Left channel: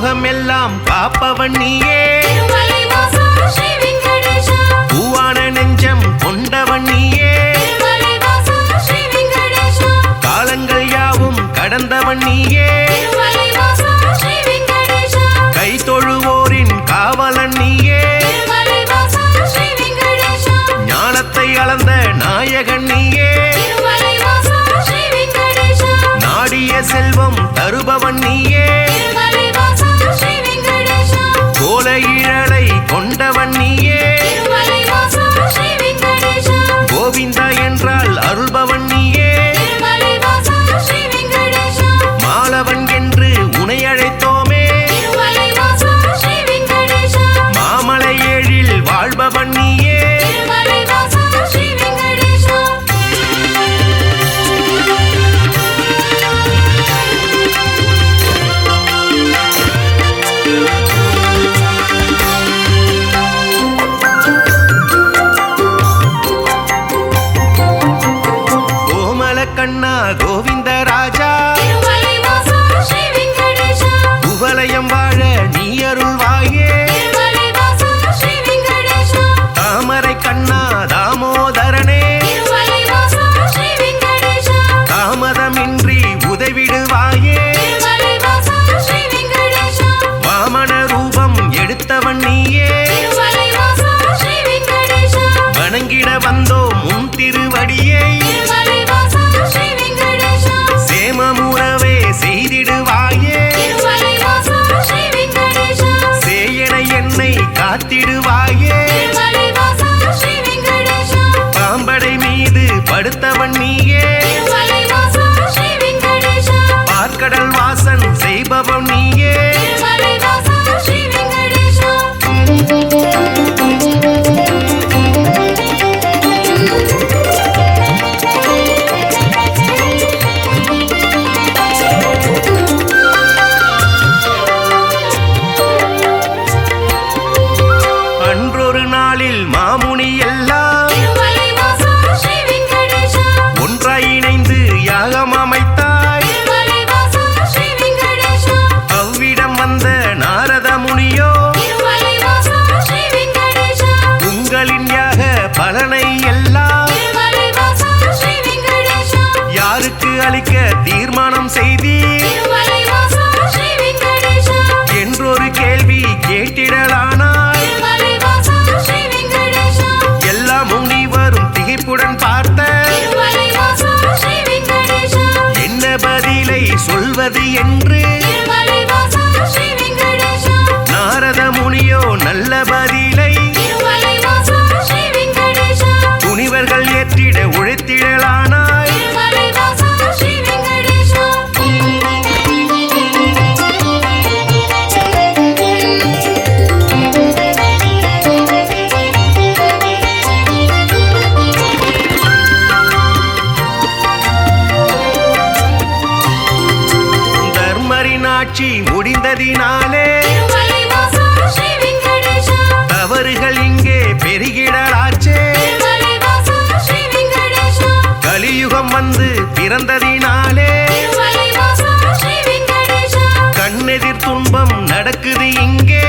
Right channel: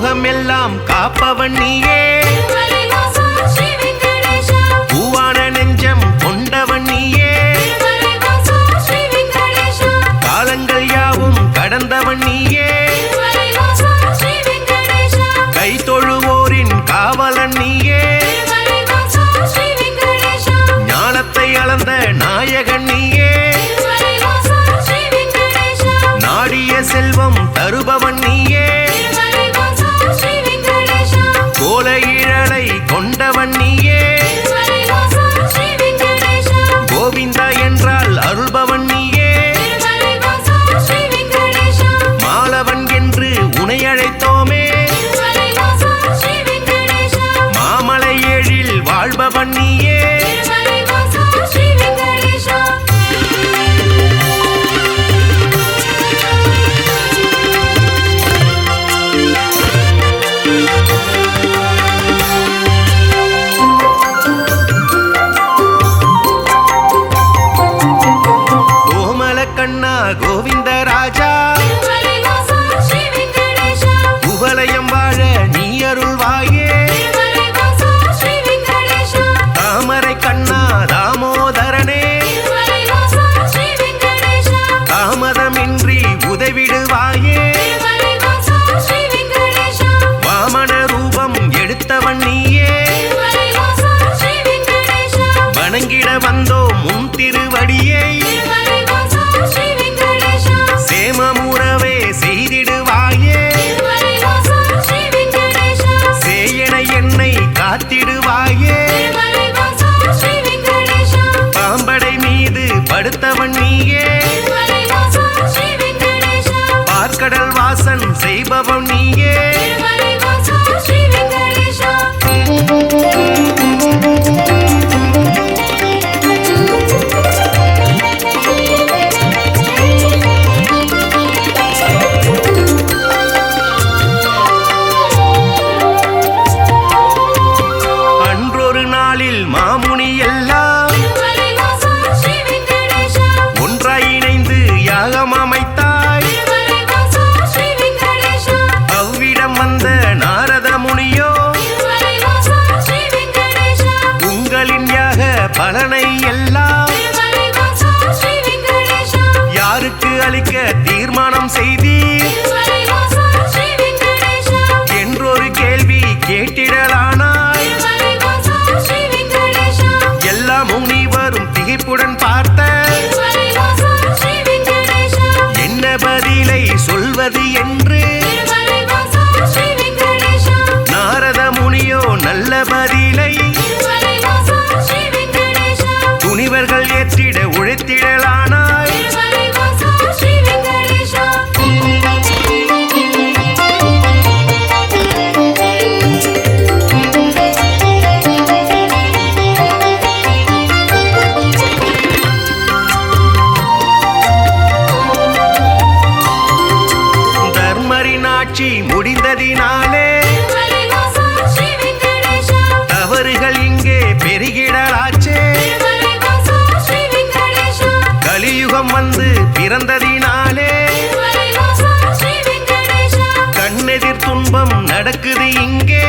பூலோகம் எல்லாம் காப்பவன் நீயே, பூவான நெஞ்சம் கொண்டவன் நீயே, காலங்கள் யாவும் கடந்தவன் நீயே, கை தொழுவோரின் காவலன் நீயே, ஞானத்தை அளந்த நாயகன் நீயே, நாடிய செல்வம் தருபவன் நீயே, கோல இழலை கொண்டவன் நீயே, கோவிந்தா என்றால் அருள்பவன் நீயே, மாலவன் என்று உனை அழைத்தோமே, மாமலை ஏழில் வாழ்பவன் நீயே, கண்ணா கோவிந்த ராஜா, குவலயம் வாழ நீ அருள்வாயே, தாமரை கண்ணா தாமோதரனே, தாமதமின்றி உதவிடுவாயே, வாமன ரூபம் எடுத்தவன் நீயே, வணங்கிட வந்தோ முன் திருவடியை, சேமமுறவே செய்திடுவாயே, சேயன என்னை காத்திடுவாயே, பாம்படை மீது படுத்தவன் நீயே, பார்க்கடல் வாசன் செய்பவன் நீயே, மாமுனி எல்லாம் ஒன்றாய் இணைந்து யாகம் அமைத்தாய், அவ்விடம் வந்த நாரத முனியோ உங்களின் யாக பலனை எல்லாம் யாருக்கு அளிக்க தீர்மானம் செய்தீர் என்றொரு கேள்வி கேட்டிடலானாய், எல்லா முனிவரும் திகைப்புடன் பார்த்த என்ன பதிலை சொல்வது என்று நாரத முனியோ நல்ல பதிலை துணிவர்கள் ஏற்றிட உழைத்திடலானாய், ஆட்சி முடிந்ததினாலே தவறுகள் இங்கே பெருகிடலாச்சே, கலியுகம் வந்து பிறந்ததினாலே கண்ணெதிர் துன்பம் நடக்குது இங்கே,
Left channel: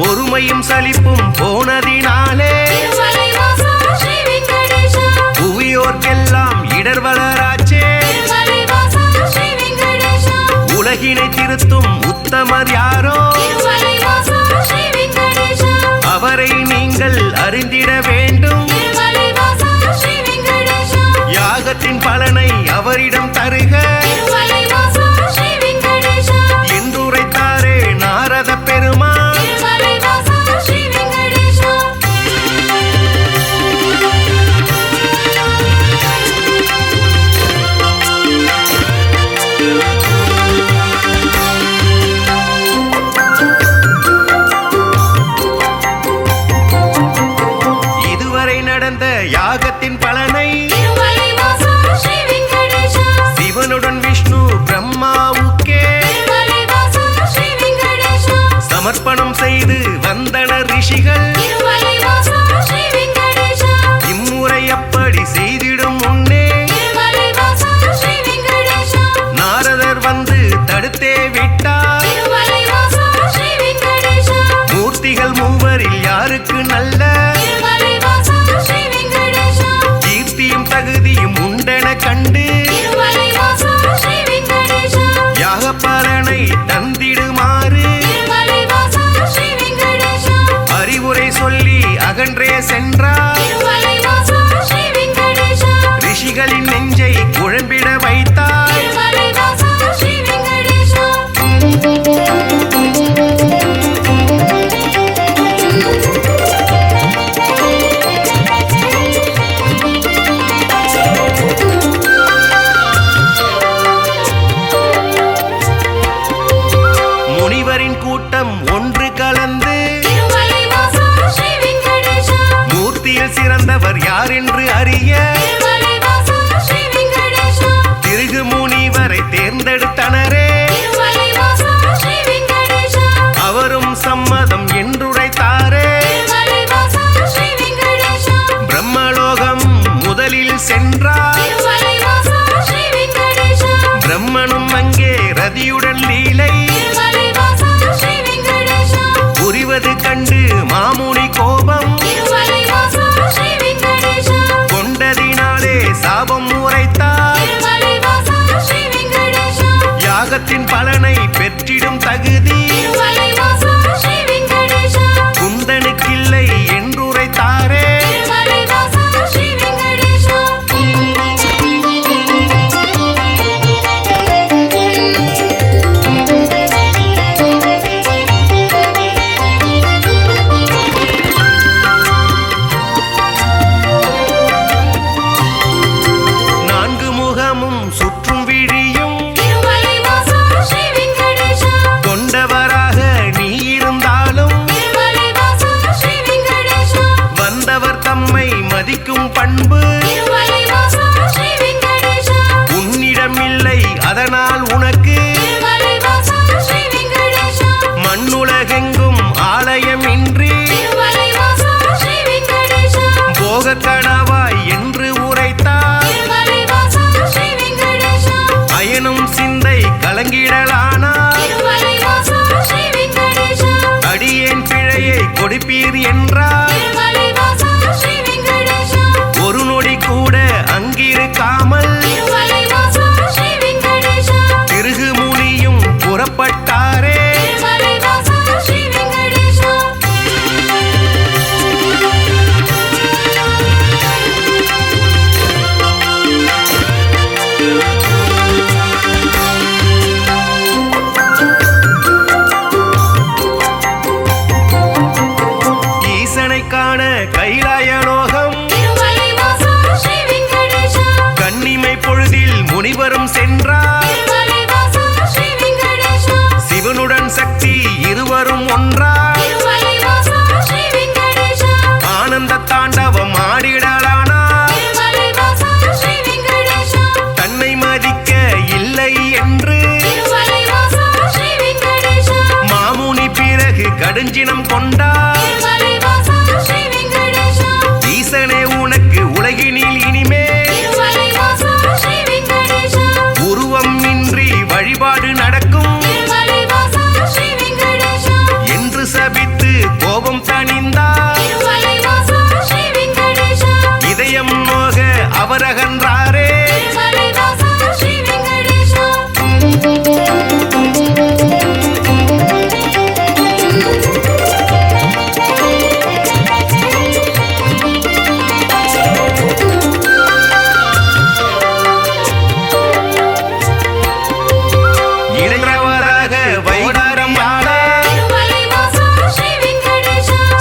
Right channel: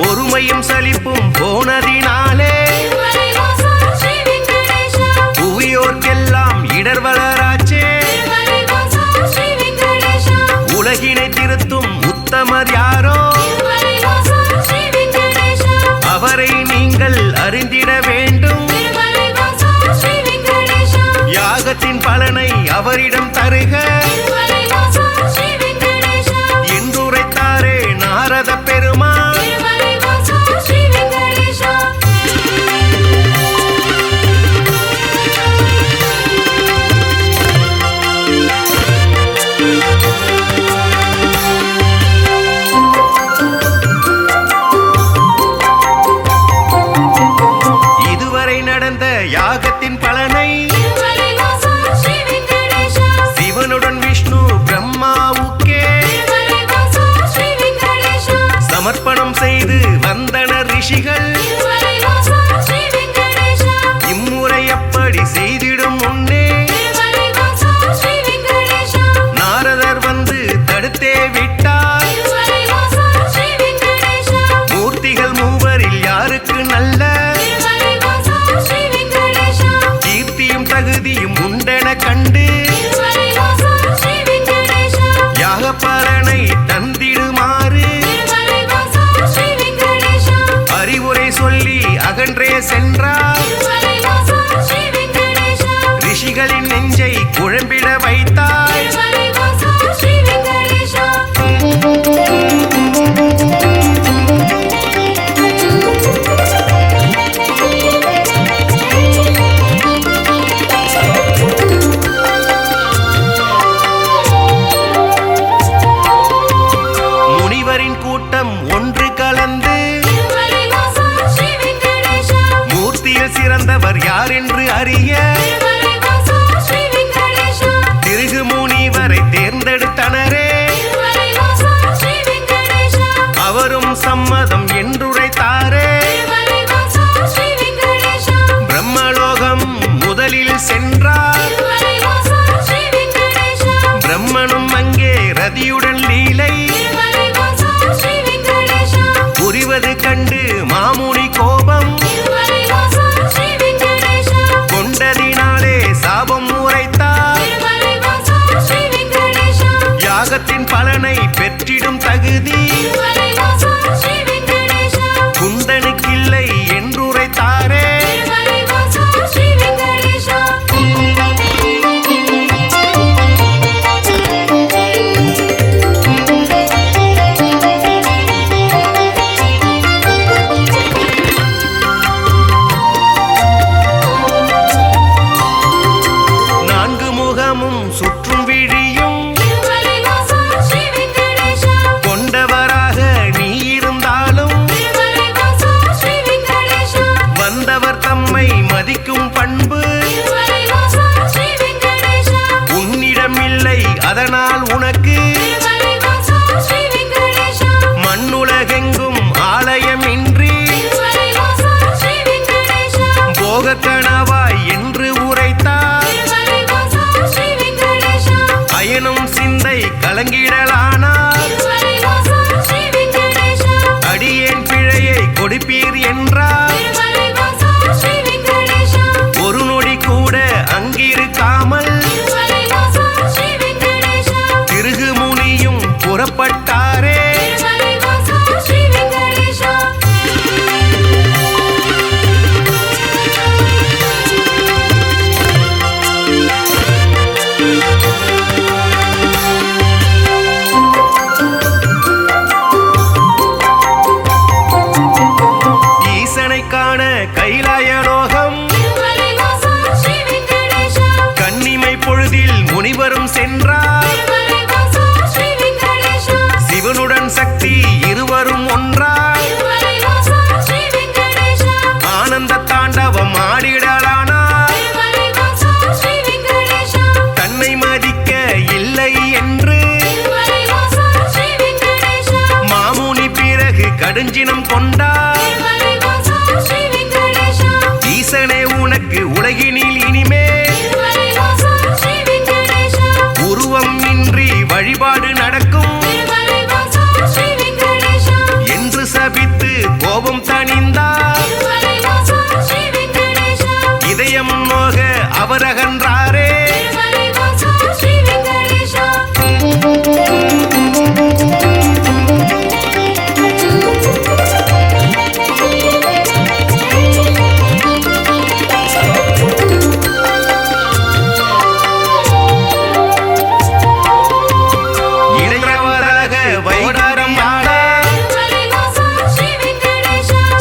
பொறுமையும் சலிப்பும் போனதினாலே புவியோர்க்கெல்லாம் இடர் வளராச்சே, உலகினை திருத்தும் உத்தமர் யாரோ அவரை நீங்கள் அறிந்திட வேண்டும், யாகத்தின் பலனை அவரிடம் தருக என்றுரைத்தாரே நாரத பெருமான். நடந்த யாகத்தின் பலனை சிவனுடன் விஷ்ணு பிரம்மாவுக்கே சமர்ப்பணம் செய்து வந்தனர் ரிஷிகள். இம்முறை அப்படி செய்திடும் முன்னே நாரதர் வந்து தடுத்தே விட்டார். மூர்த்திகள் மூவரில் யாருக்கு நல்ல கீர்த்தியும் தகுதியும் உண்டென கண்டு யாகப்பலனை தந்திடுமாறு அறிவுரை சொல்லி அகன்றே சென்றார். ரிஷிகளின் நெஞ்சை குழம்பிட வைத்தாய். முனிவரின் கூட்டம் ஒன்று கலந்து மூர்த்தியில் சிறந்தவர் யார் என்று அறிய திருகு முனிவரை தேர்ந்தெடுத்தனரே. அவரும் சம்மதம் என்றுரைத்தாரே. பிரம்மலோகம் முதலில் சென்றார். பிரம்மனும் அங்கே ரதியுடன் லீலை புரிவது கண்டு மாமுனி கோபம் கொண்டதினாலே சாபம் உரைத்தார். யாகத்தின் பலனை பெற்றிடும் தகுதி குந்தனுக்கில்லை என்றுரைத்தாரே. நான்கு முகமும் சுற்றும் விழியும் கொண்டவராக நீ இருந்தாலும் வந்தவர் தம்மை மதிக்கும் பண்பு உன்னிடம் இல்லை. அதனால் உனக்கு மண்ணுலகெங்கும் ஆலயம் இன்றி போக கணவாய் என்று உரைத்தார். அயனும் சிந்தை கலங்கிடலானார். அடியேன் பிழையை கொடுப்பீர் என்றார். ஒரு நொடி கூட அங்கிருக்காமல் திருகு முனியும் புறப்பட்டாரே. காண கைலாயலோகம் கன்னிமை பொழுதில் முனிவரும் சென்றார். சிவனுடன் சக்தி இருவரும் ஒன்றாய் ஆனந்த தாண்டவம் ஆடிடலானார். தன்னை மதிக்க இல்லை என்று மாமுனி பிறகு கடுஞ்சினம் கொண்டார். ஈசனே உனக்கு உலகினில் இனிமேல் உருவம் இன்றி வழிபாடு நடக்கும் என்று சபித்து கோபம் தணிந்தார். இதயம் நோக அவர் அகன்றாரே. வைடாரம் ஆட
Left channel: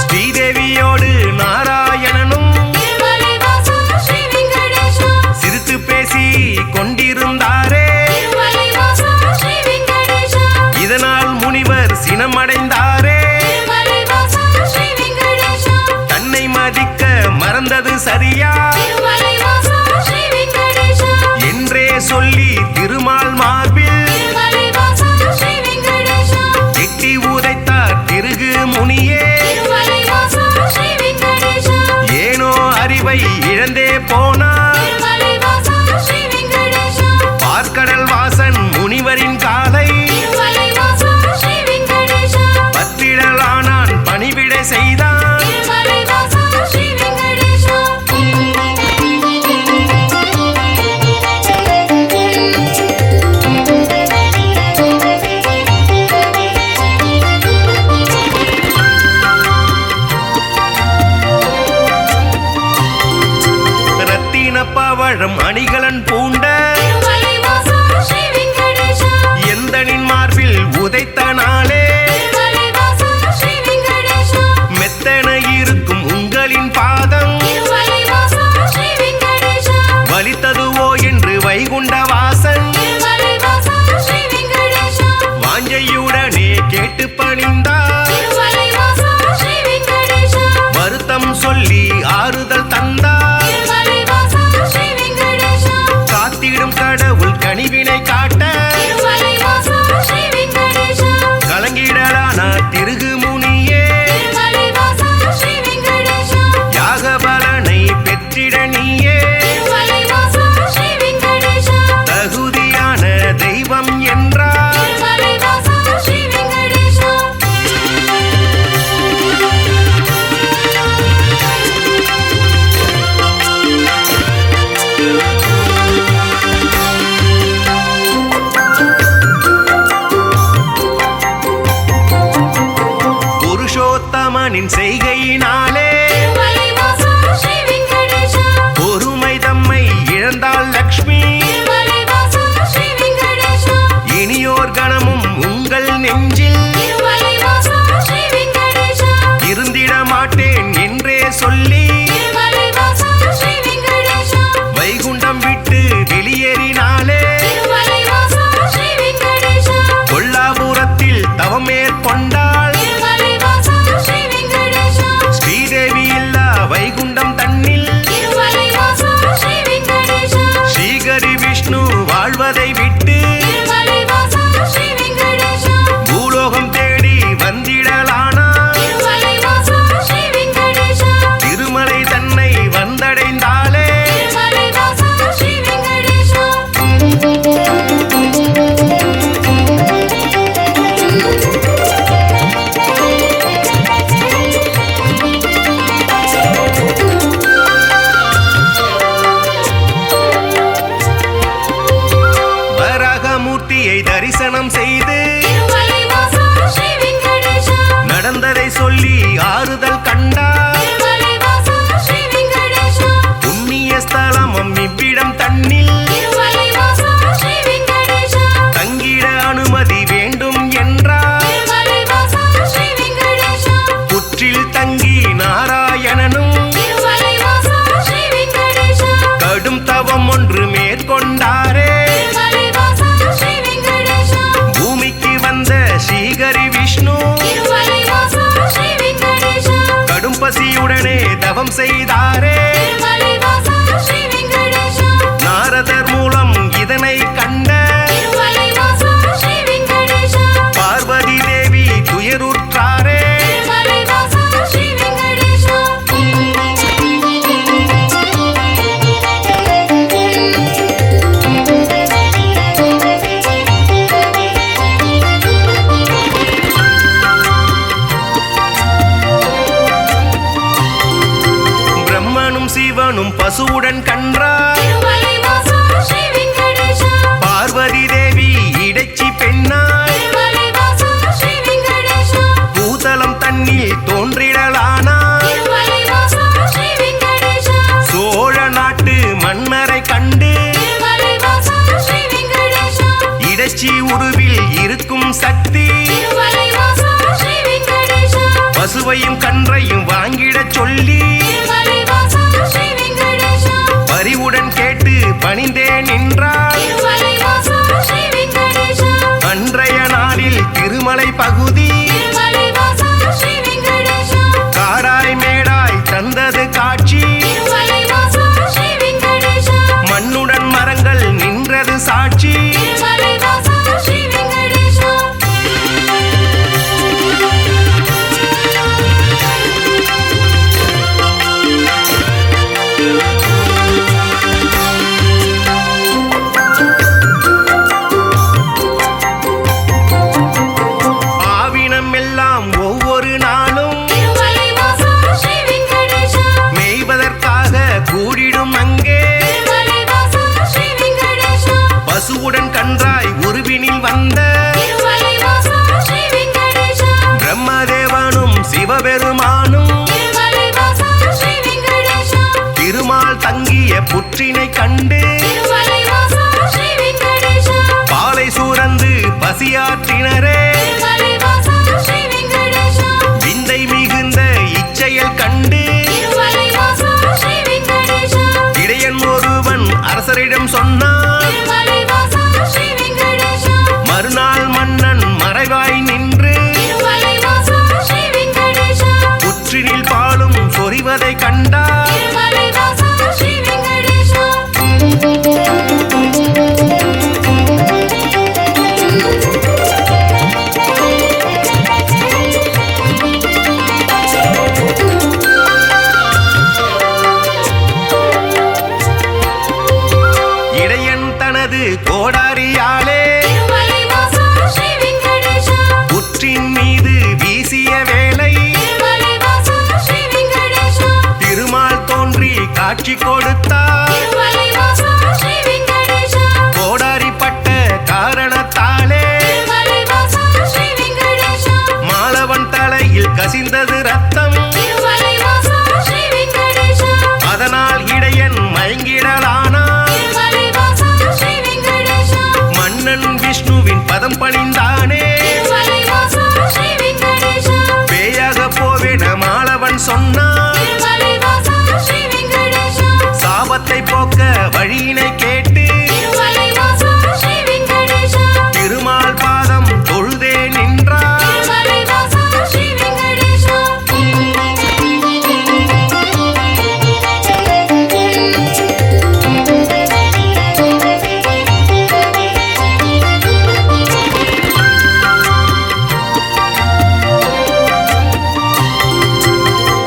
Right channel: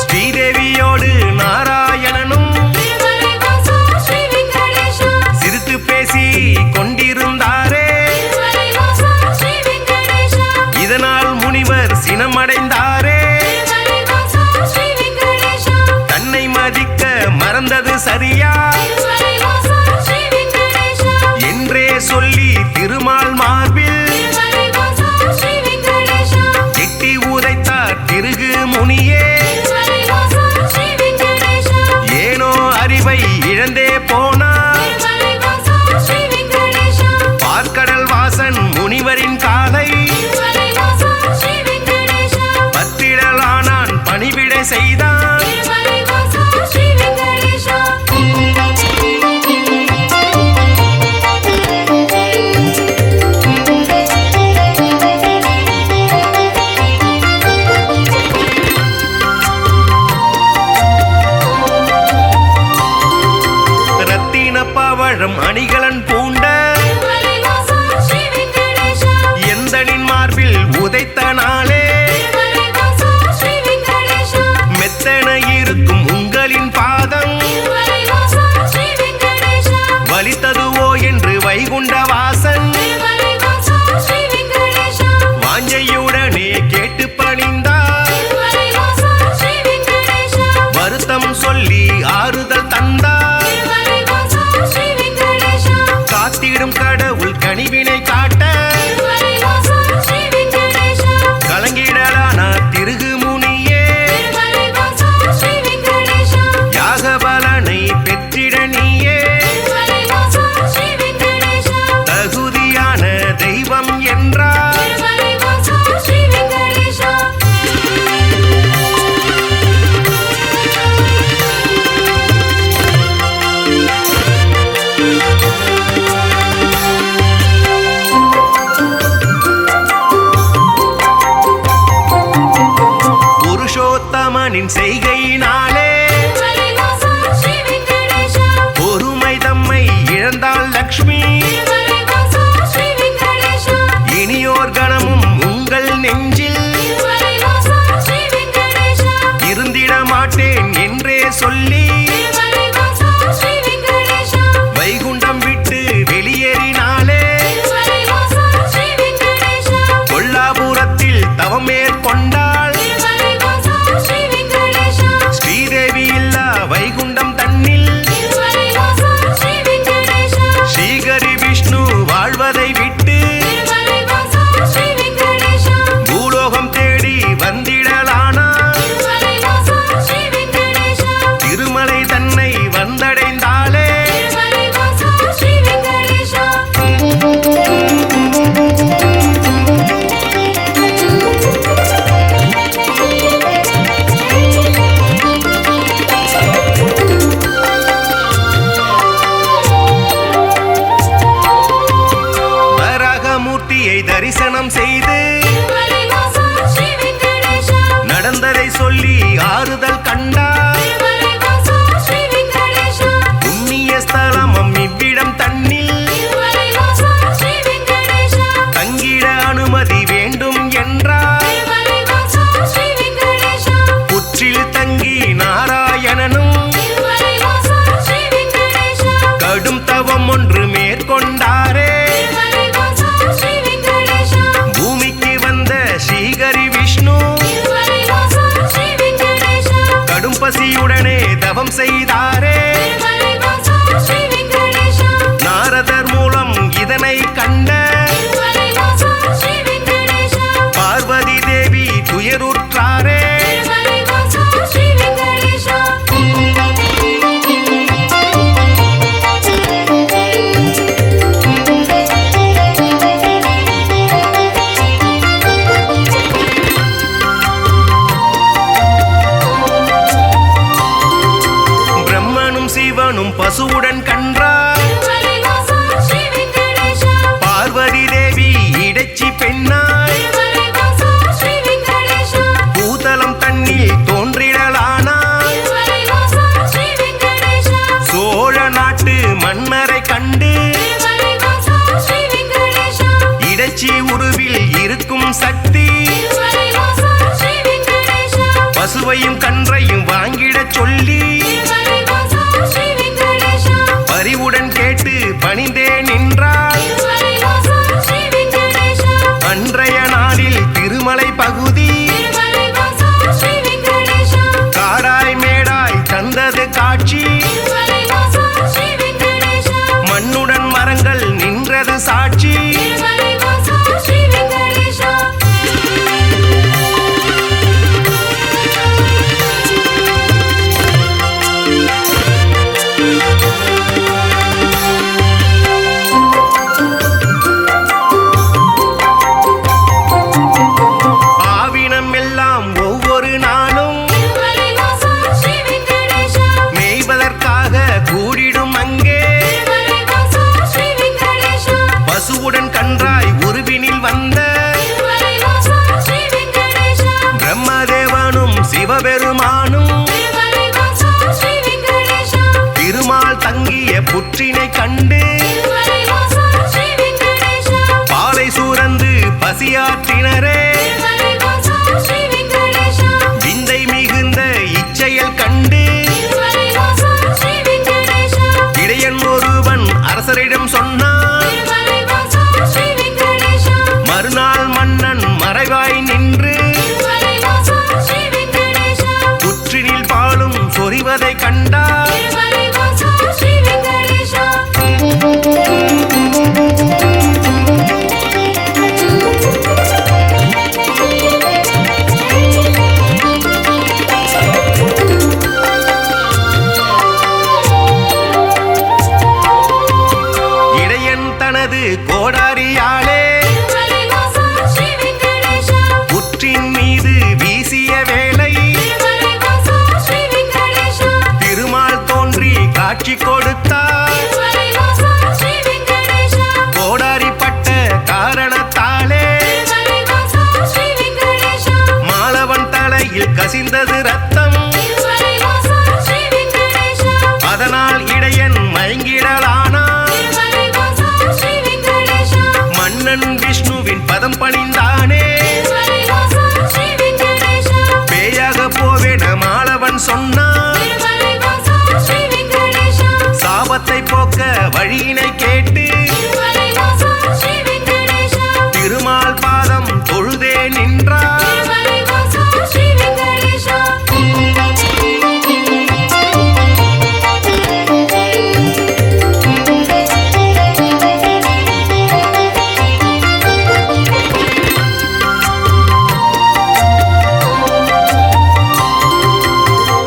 ஸ்ரீதேவியோடு நாராயணனும் சிரித்து பேசி கொண்டிருந்தாரே. இதனால் முனிவர் சினமடைந்தாரே. தன்னை மதிக்க மறந்தது சரியா என்றே சொல்லி திருமால் மார்பில் எட்டி உதைத்தார் திருகு முனியே. ஏனோ அறிவை இழந்தே போனார். பார்க்கடல் வாசன் முனிவரின் காலை பத்திடலானான் பணிவிட செய்தான். பவழம் அணிகலன் பூண்ட எந்தனின் மார்பில் உதைத்த நாளே மெத்தன இருக்கும் உங்களின் பாதம் வலித்ததுவோ என்று வைகுண்ட வாசன் வாஞ்சையுடனே கேட்டு பணிந்தார். வருத்தம் சொல்லி ஆறுதல் தந்தார். காத்திடும் கடவுள் கனிவினை காட்ட கலங்கிடலானா திருகு முனியே யாக பலனை பெற்றிட நீயே தகுதியான தெய்வம் என்றார். புருஷோத்தமனின் செய்கையினாலே பொறுமை தம்மை இழந்தாள் லக்ஷ்மி. இனியோர் கணமும் உங்கள் நெஞ்சில் இருந்திட மாட்டேன் என்றே சொல்லி வைகுண்டம் விட்டு வெளியேறினாலே கொல்லாபுரத்தில் தவம் மேற்கொண்டாள். ஸ்ரீதேவி இல்லா வைகுண்டம் தன்னில் ஸ்ரீகரி விஷ்ணு வாழ்வதை விட்டு பூலோகம் தேடி வந்திடலானா. திருமலை தன்னை வந்தடைந்தாலே மூர்த்தியை தரிசனம் செய்து நடந்ததை சொல்லி ஆறுதல் கண்டார். புண்ணிய ஸ்தலமும் இவ்விடம் தன்னில் தங்கிட அனுமதி வேண்டும் என்றார். புற்றில் தங்கி நாராயணனும் கடும் தவம் ஒன்று மேற்கொண்டாரே. பூமிக்கு வந்த ஸ்ரீகரி விஷ்ணு கடும் பசியுடனே தவம் செய்தாரே. நாரதர் மூலம் இதனை கண்ட பார்வதி தேவி துயருற்றாரே. சிவனும் பசுவுடன் கன்றார். பார்வதி தேவி இடைச்சி பெண்ணாய் பூதலம் தன்னில் தோன்றிடலானாய். சோழ நாட்டு மன்னரை கண்டு இடைச்சி உருவில் இருக்கும் சக்தி பசுவையும் கன்றையும் வாங்கிடச் சொல்லி பரிவுடன் கேட்டு பணிந்தே நின்றாள். அன்றைய நாளில் திருமலை பகுதி காடாய் மேடாய் தந்தது காட்சி. மண்ணுடன் மரங்கள் நின்றது சாட்சி. சிவபெருமானும் திருமால் தங்கிய புற்றினை கண்டு பாலை சூரந்து பசியாற்றினரே விந்தை மிகுந்த இச்செயல் கண்டு இடையன் ஒருவன் அரசரிடம் சொன்னான். மறுநாள் மன்னன் மறைவாய் நின்று புற்றினில் பாலும் சொரிவதை கண்டார். இடையன் தனது கோடாரியாலே புற்றின் மீது வீசிய வேளை திருமால் தோன்றி காட்சி கொடுத்தார். கோடாரிப்பட்ட காரணத்தாலே மாலவன் தலையில் கசிந்தது ரத்தம். அதனால் இடையன் மயங்கிடலானான். மன்னன் விஷ்ணுவின் பதம் பணிந்தானே. பேயாக போவேன மாலவன் சொன்னான். சாபத்தை போக்க வழியினை கேட்டு திருமால் பாதம் தொழுதே நின்றார்.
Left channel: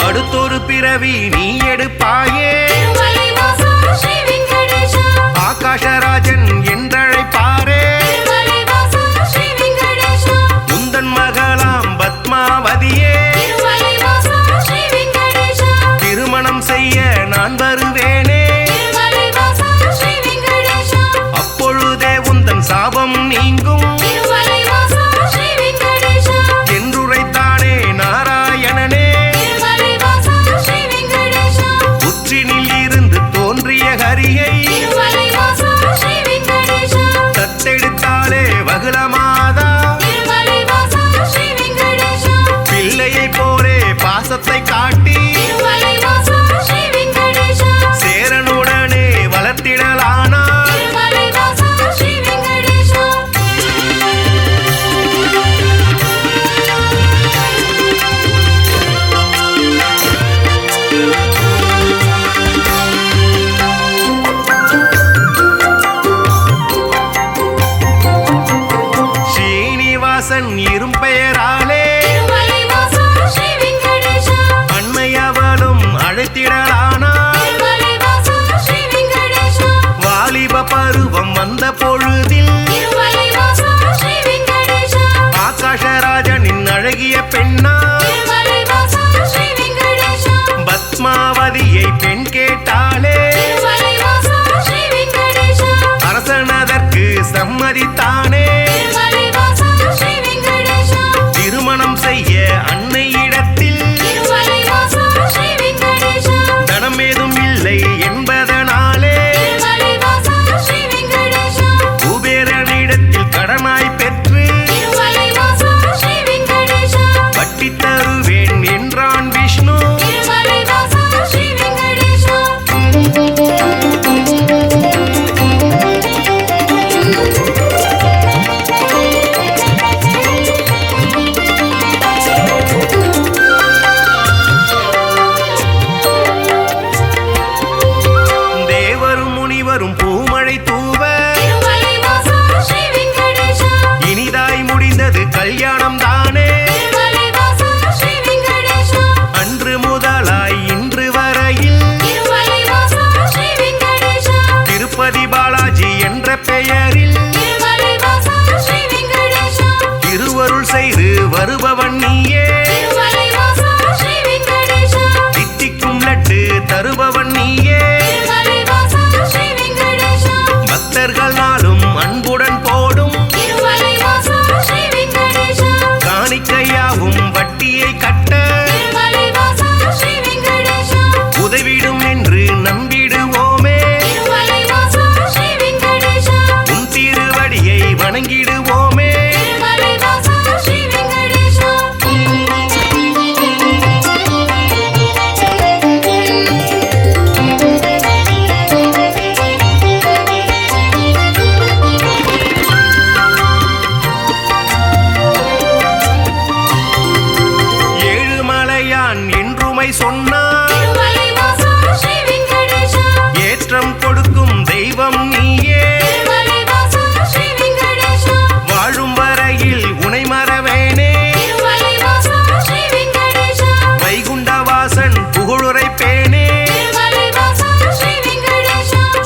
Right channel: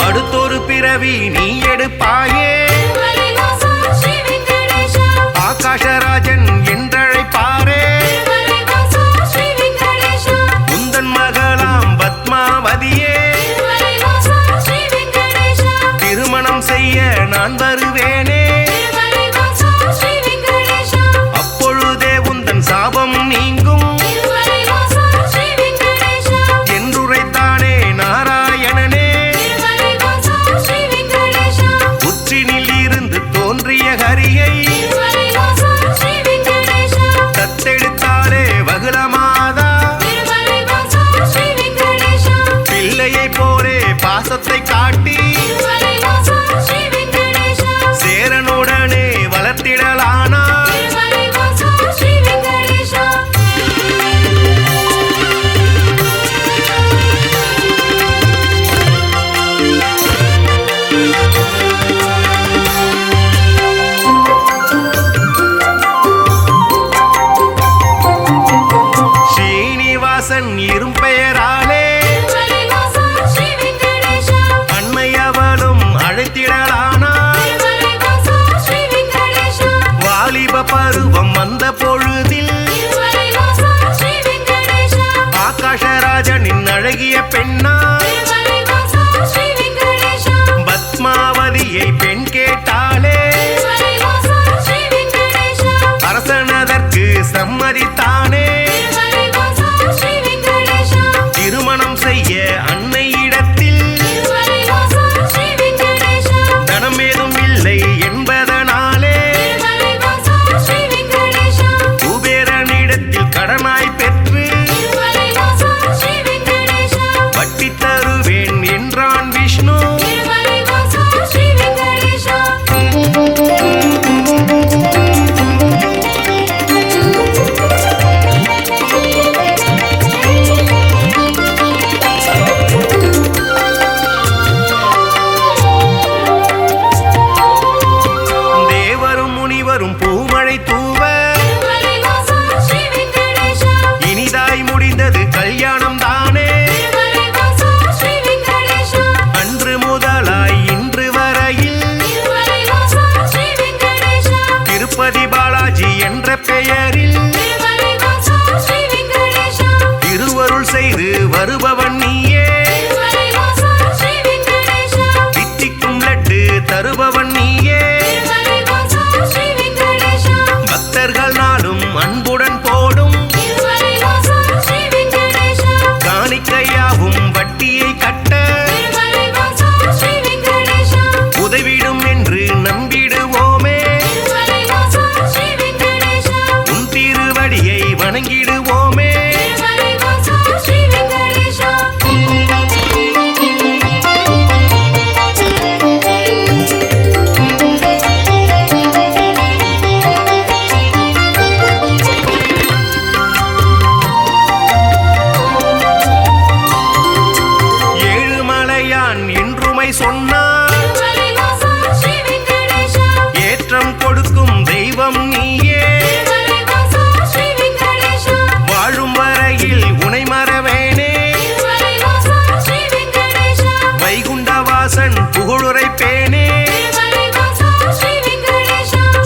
அடுத்தொரு பிறவி நீ எடுப்பாயே, ஆகாஷராஜன் என்றழைப்பாரே. உந்தன் மகளாம் பத்மாவதியே, திருமணம் செய்ய நான் வருவேனே. அப்பொழுதே உந்தன் சாபம் நீங்கும் என்றுரைத்தானே நாராயணனே. புற்றினில் இருந்து தோன்றிய ஹரியை தத்தெடுத்தாளே வகுளமாதா. பிள்ளையை போலே பாசத்தை காட்டி சேரனுடனே வளர்த்திடலானாள். ஸ்ரீனிவாசன் இரும்பெயராலே அண்மையவளும் அழைத்திடலானாள். வாலிப பருவம் வந்த பொழுதில் ஆகாஷராஜனின் அழகிய பெண்ணா பத்மாவதியை பெண் கேட்டாளே. அரசனதற்கு சம்மதித்தானே. திருமணம் செய்ய அன்னையிடத்தில் தனம் ஏதும் இல்லை என்பதனாலே குபேரனிடத்தில் கடனாய் பெற்று வட்டி தருவேன் என்றான் விஷ்ணு. வரும் பூமழை தூவ இனிதாய் முடிந்தது கல்யாணம் தானே. அன்று முதலாய் இன்று வரையில் திருப்பதி பாலாஜி என்ற பெயரில் திருவருள் செய்து வருபவன் நீயே. தித்திக்கும் லட்டு தருபவன் நீயே. பக்தர்கள் நாளும் அன்புடன் போடும் காணிக்கையாவும் வட்டியை கட்ட வணங்கிடுவோமே. ஏழுமலையான் என்றுமை சொன்னார், ஏற்றம் கொடுக்கும் தெய்வம் நீயே. வாழும் வரையில் உனை மறவேனே, வைகுண்டவாசன் புகழுரைப்பேனே.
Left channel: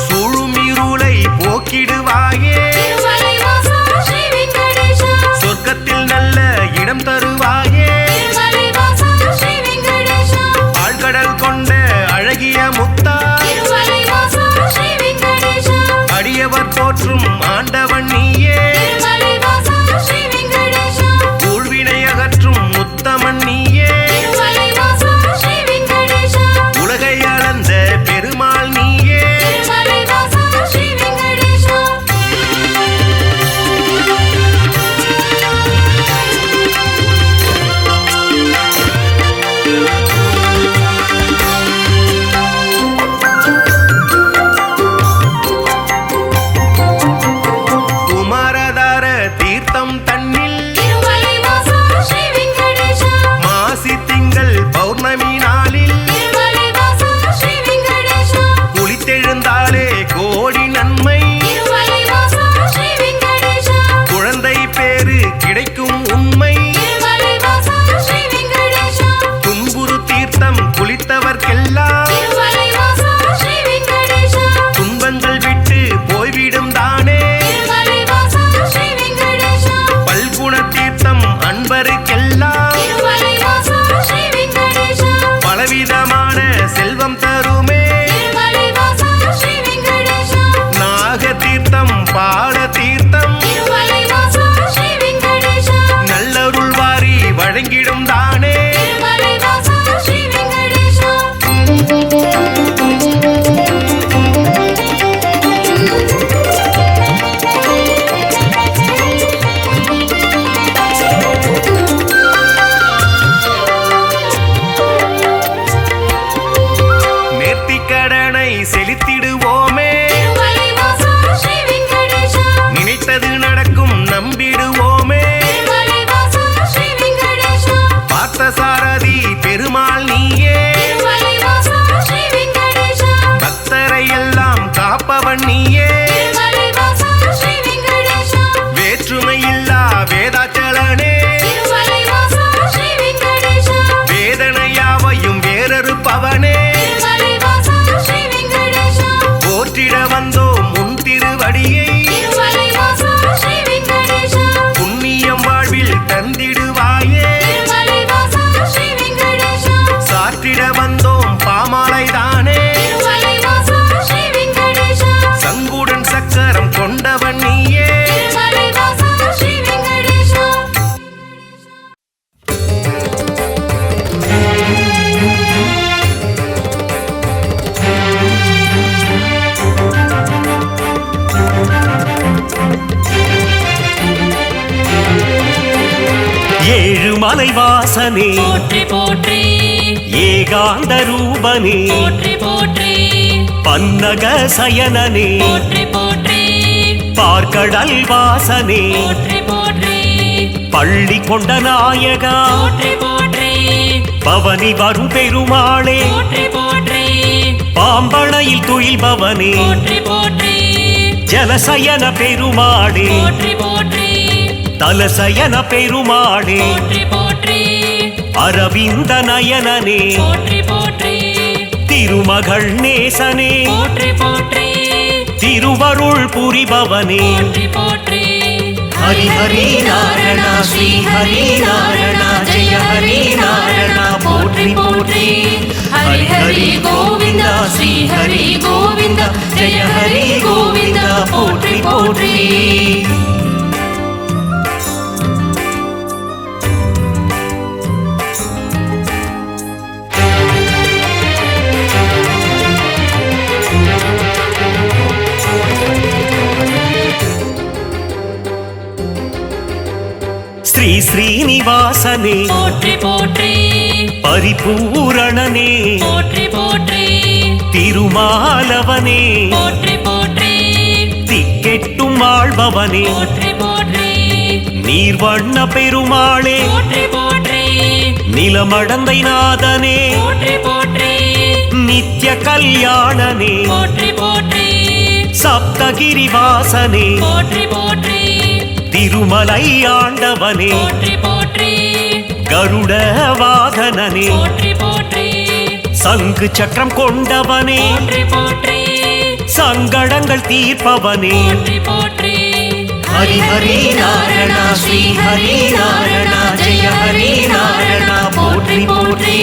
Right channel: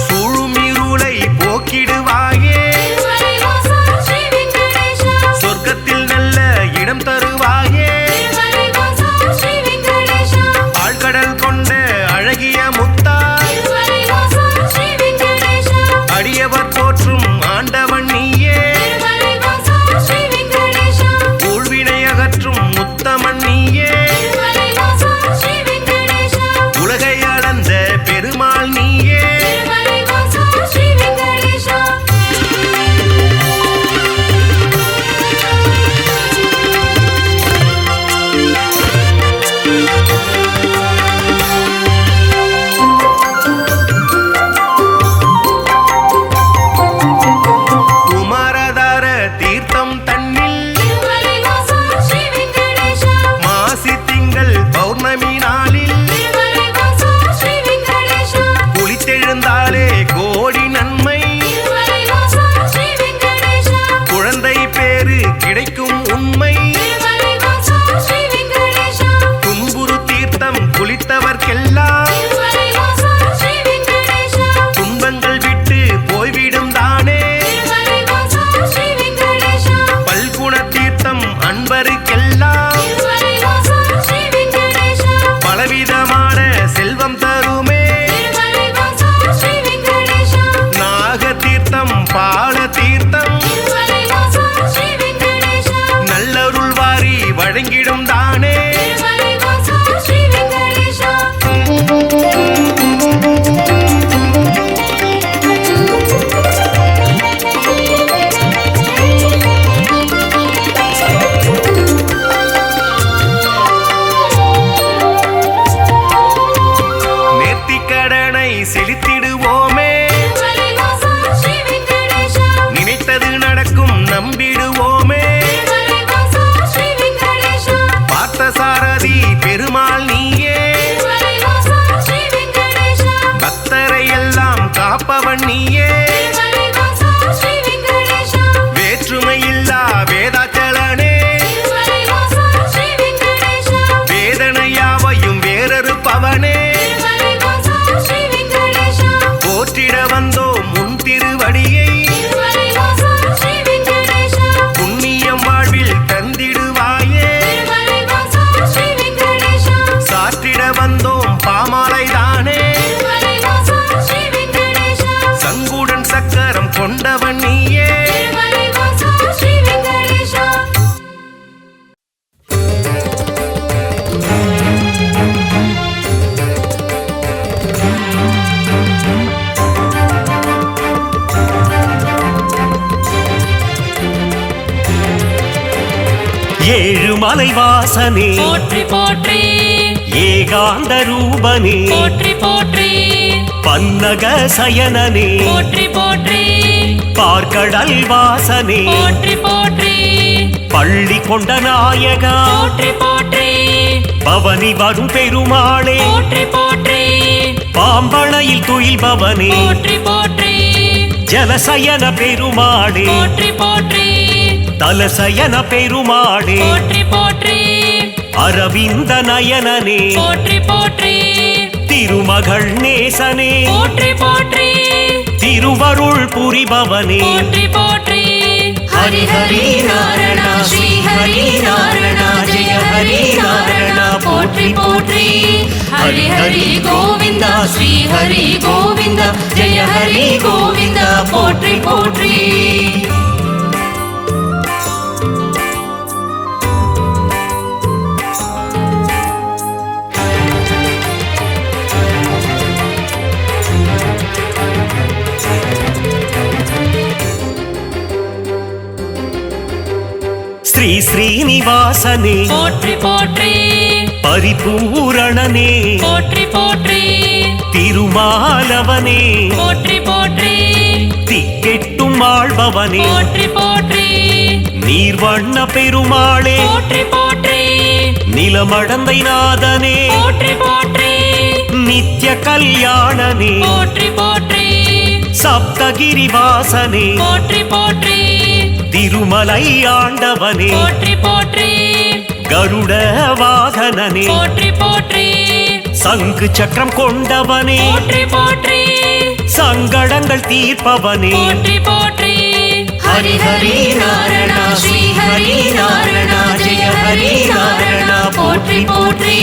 சூழும் இருளை போக்கிடுவாயே, சொர்க்கத்தில் நல்ல இடம் தருவாயே. ஆழ்கடல் கொண்ட அழகிய முத்தாய், அடியவர் போற்றும் ஆண்டவன் நீயே. ஊழ்வினை அகற்றும் முத்தமன் நீயே, உலகை அளந்த பெருமாள் நீயே. குமாரதார தீர்த்தம் தன்னில் மாசி திங்கள் பௌர்ணமி நாளில் குளித்தெழுந்தாலே கோடி நன்மை, குழந்தை பேரு கிடைக்கும் உண்மை. துன்புறு தீர்த்தம் குளித்தவர்க்கெல்லாம் துன்பங்கள் விட்டு போய்விடும் தானே. பல்குண தீர்த்தம் அன்பருக்கெல்லாம் பலவிதமான செல்வம் தருமே. நாக தீர்த்தம் பால தீர்த்தம் நல்லருள் வாரி வழங்கிடும் தானே. நேர்த்திக்கடனை செலுத்திடுவோமே, நினைத்தது நடக்கும் நம்பிடுவோமே. பார்த்தசாரதி பெருமாள் நீயே, பக்தரை எல்லாம் காப்பவன் நீயே. வேற்றுமையில்லா வேதாச்சலனே, வேதனையாவையும் வேறறுப்பவனே. போற்றிட வந்தோம் முன் திருவடியை, புண்ணியம் வாழ்வில் தந்திடுவாயே. சாற்றிட வந்தோம் பாமாலைதானே, சங்குடன் சக்கரம் கொண்டவன் நீயே. ஏழுமலை வாசனே போற்றி போற்றி, ஏகாந்த ரூபனே போற்றி போற்றி, பன்னக சயனனே போற்றி போற்றி, பார்க்கடல் வாசனே போற்றி போற்றி, பள்ளி கொண்ட நாயகா போற்றி போற்றி, பவனி வரும் பெருமாளே போற்றி போற்றி, பாம்பணையில் துயில்பவனே போற்றி போற்றி, ஜலசயன பெருமாளே போற்றி போற்றி, தலசயன பெருமாளே போற்றி போற்றி, அரவிந்த நயனனே போற்றி போற்றி, திருமகள் நேசனே போற்றி போற்றி, திருவருள் புரிபவனே போற்றி போற்றி. ஹரி ஹரி நாராயண ஸ்ரீ ஹரி நாராயண ஜெய ஹரி நாராயண போற்றி போற்றி. ஹரி ஹரி கோவிந்த ஸ்ரீ ஹரி கோவிந்த ஜெய ஹரி கோவிந்த போற்றி போற்றி. ஸ்ரீ ஸ்ரீனிவாசனே போற்றி போற்றி பரிபூரணனே போற்றி போற்றி திருமாலவனே போற்றி போற்றி திக்கெட்டும் ஆள்பவனே போற்றி போற்றி நீர்வண்ண பெருமாளே போற்றி போற்றி நிலமடந்தை நாதனே போற்றி போற்றி நித்ய கல்யாணனே போற்றி போற்றி சப்தகிரிவாசனே போற்றி போற்றி திருமலை ஆண்டவனே போற்றி போற்றி கருட வாகனனே போற்றி போற்றி சங்கு சக்கரம் கொண்டவனே போற்றி போற்றி சங்கடங்கள் தீர்ப்பவனே போற்றி போற்றி ஹரி ஹரி நாராயண ஸ்ரீ ஹரி நாராயண ஜெய ஹரி நாராயண போற்றி போற்றி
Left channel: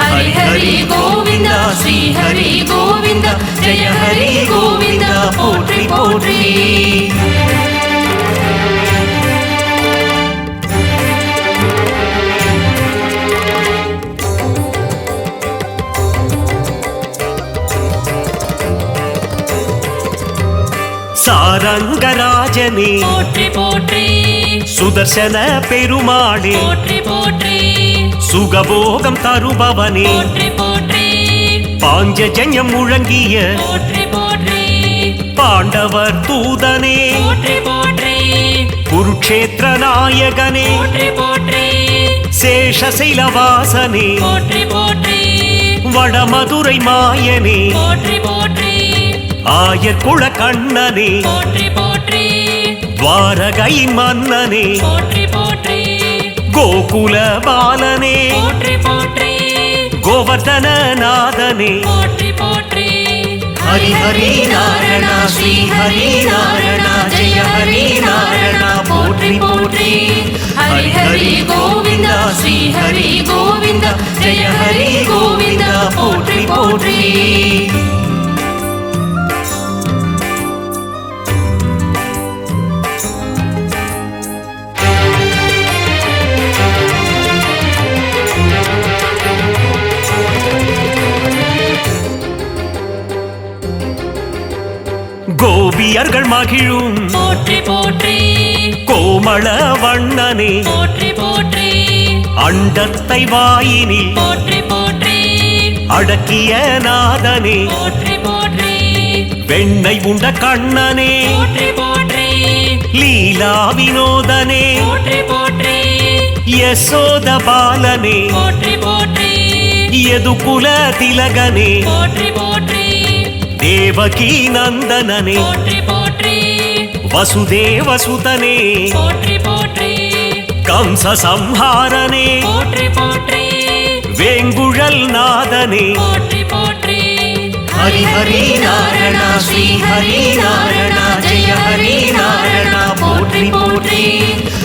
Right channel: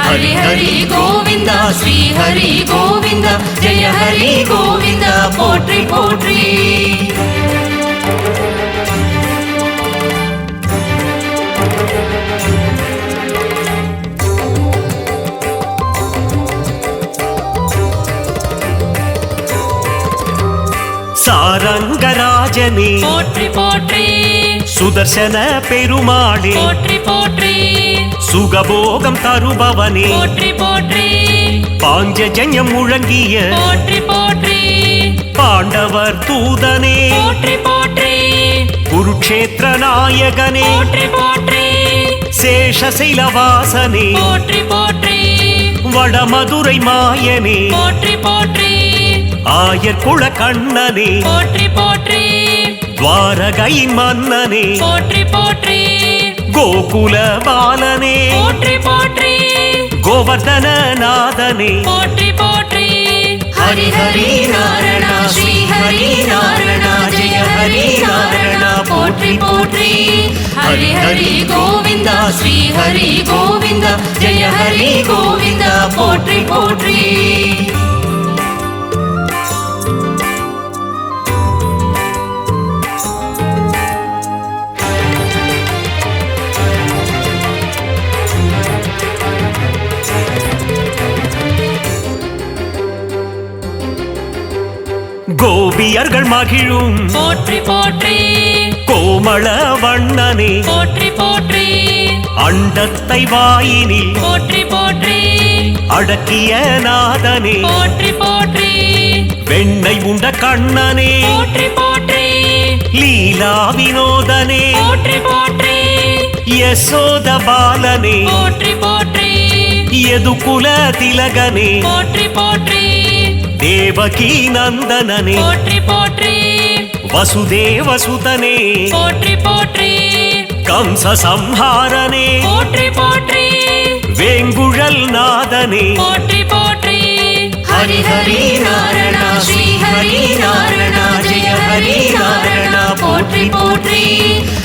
ஹரி ஹரி கோவிந்தா ஸ்ரீ ஹரி கோவிந்தா ஜெய ஹரி கோவிந்தா போற்றி போற்றி சாரங்கராஜனே போற்றி போற்றி சுதர்சன பெருமாளே போற்றி போற்றி சுகபோகம் தருபவனே போற்றி போற்றி பாஞ்சஜன்யம் முழங்கிய போற்றி போற்றி பாண்டவர் தூதனே போற்றி போற்றி குருக்ஷேத்திர நாயகனே போற்றி போற்றி சேஷசைலவாசனே போற்றி போற்றி வடமதுரை மாயனே போற்றி போற்றி ஆயர்குல கண்ணனே போற்றி போற்றி துவாரகையின் மன்னனே போற்றி போற்றி கோகுல பாலனே போற்றி போற்றி கோவர்தன நாதனே போற்றி போற்றி ஹரி ஹரி நாராயண ஸ்ரீ ஹரி நாராயண ஜெய ஹரி நாராயண போற்றி போற்றி ஹரி ஹரி கோவிந்தா ஸ்ரீ ஹரி கோவிந்தா ஜெய ஹரி கோவிந்தா போற்றி போற்றி கோபியர்கள் மகிழும் போற்றி போற்றி கோமள வண்ணனே போற்றி போற்றி அண்டத்தை வாயினில் போற்றி போற்றி அடக்கிய நாதனே போற்றி போற்றி வெண்ணை உண்ட கண்ணனே போற்றி போற்றி லீலா வினோதனே போற்றி போற்றி யசோத பாலனே போற்றி போற்றி யதுகுல திலகனே போற்றி போற்றி தேவகி நந்தனனே போற்றி போற்றி வசுதேவசுதனே போற்றி போற்றி கம்ச சம்ஹாரனே போற்றி போற்றி வேங்குழல் நாதனே போற்றி போற்றி ஹரி ஹரி நாராயண ஸ்ரீ ஹரி நாராயண ஜெய ஹரி நாராயண போற்றி போற்றி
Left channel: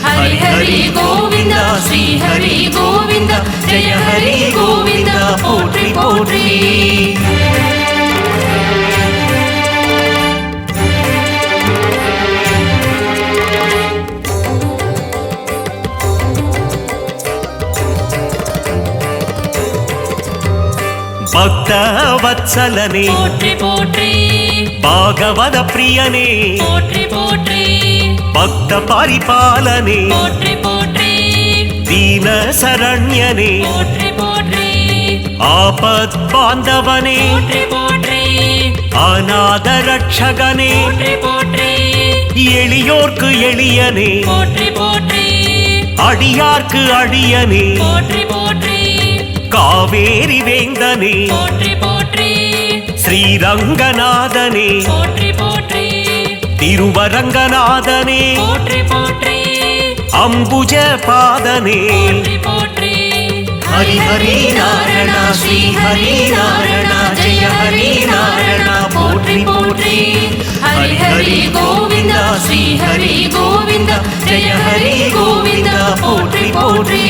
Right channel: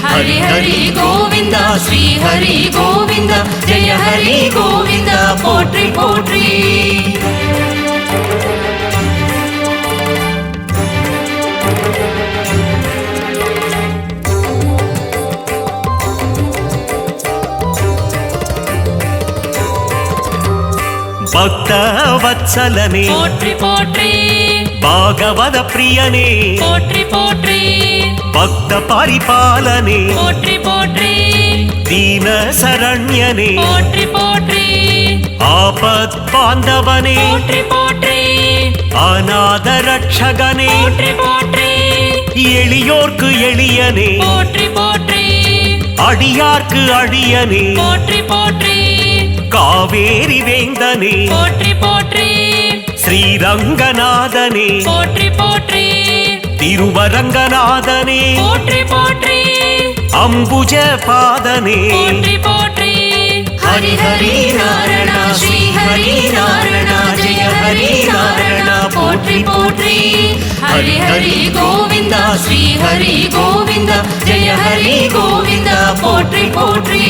ஹரி ஹரி கோவிந்தா ஸ்ரீ ஹரி கோவிந்தா ஜெய ஹரி கோவிந்தா போற்றி போற்றி பக்த வத்சலனே போற்றி போற்றி பாகவத பிரியனே போற்றி போற்றி பக்த பரிபாலனே போற்றி போற்றி தீன சரண்யனே போற்றி போற்றி ஆபத் பாந்தவனே போற்றி போற்றி அநாத ரட்சகனே போற்றி போற்றி எளியோர்க்கு எளியனே போற்றி போற்றி அடியார்க்கு அடியனே போற்றி போற்றி காவேரி வேந்தனே போற்றி போற்றி ஸ்ரீரங்கநாதனே போற்றி போற்றி திருவரங்கநாதனே போற்றி போற்றி அம்புஜ பாதனே போற்றி போற்றி ஹரி ஹரி நாராயண ஸ்ரீ ஹரி நாராயண ஜெய ஹரி நாராயண போற்றி போற்றி ஹரி ஹரி கோவிந்தா ஸ்ரீ ஹரி கோவிந்தா ஜெய ஹரி கோவிந்தா போற்றி போற்றி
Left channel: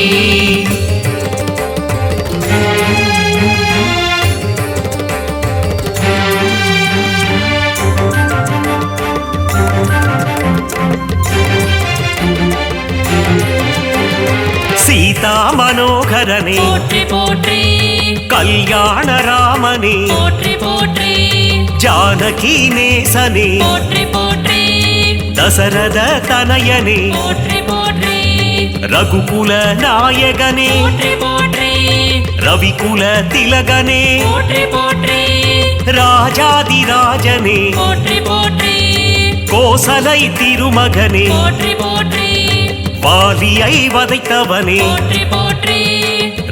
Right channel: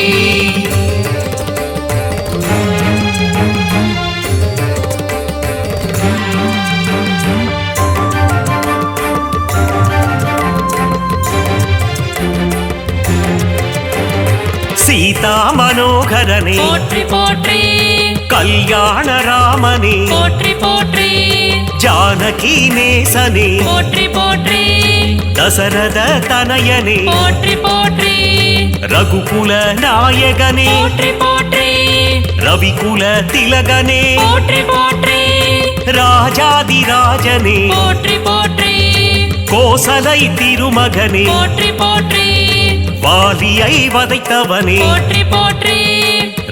சீதா மனோகரனே போற்றி போற்றி கல்யாண ராமனே போற்றி போற்றி ஜானகி நேசனே போற்றி போற்றி தசரத தனயனே போற்றி போற்றி ரகுகுல நாயகனே போற்றி போற்றி ரவிகுல திலகனே போற்றி போற்றி ராஜாதிராஜனே போற்றி போற்றி கோசலை திருமகனே போற்றி போற்றி வாலியை வதைத்தவனே போற்றி போற்றி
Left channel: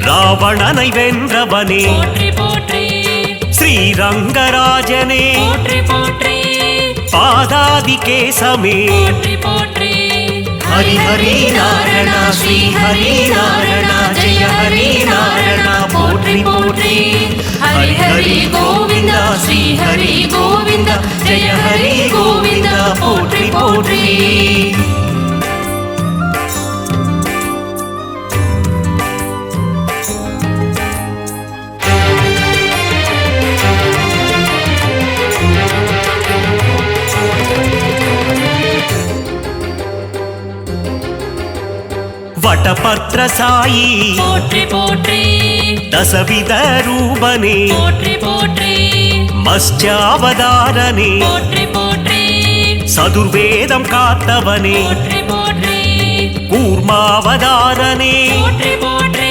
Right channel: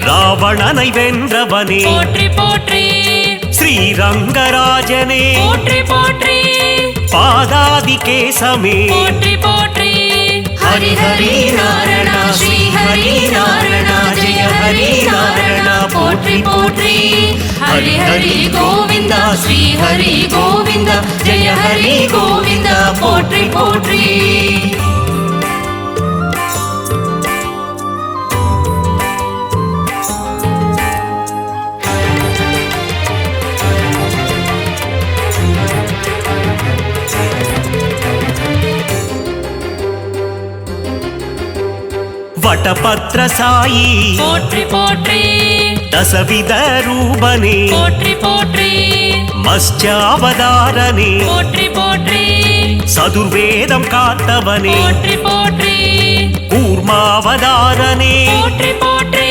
ராவணனை வென்றவனே போற்றி போற்றி ஸ்ரீரங்கராஜனே போற்றி போற்றி பாதாதி கேசமே போற்றி போற்றி ஹரி ஹரி நாராயண ஸ்ரீ ஹரி நாராயண ஜெய ஹரி நாராயண போற்றி போற்றி ஹரி ஹரி கோவிந்த ஸ்ரீ ஹரி கோவிந்த ஜெய ஹரி கோவிந்த போற்றி போற்றி வடபத்ர சாயி போற்றி போற்றி தசவித ரூபனே போற்றி போற்றி மத்ஸ்யாவதாரனே போற்றி போற்றி சதுர்வேதம் காத்தவனே போற்றி போற்றி கூர்மாவதாரனே போற்றி போற்றி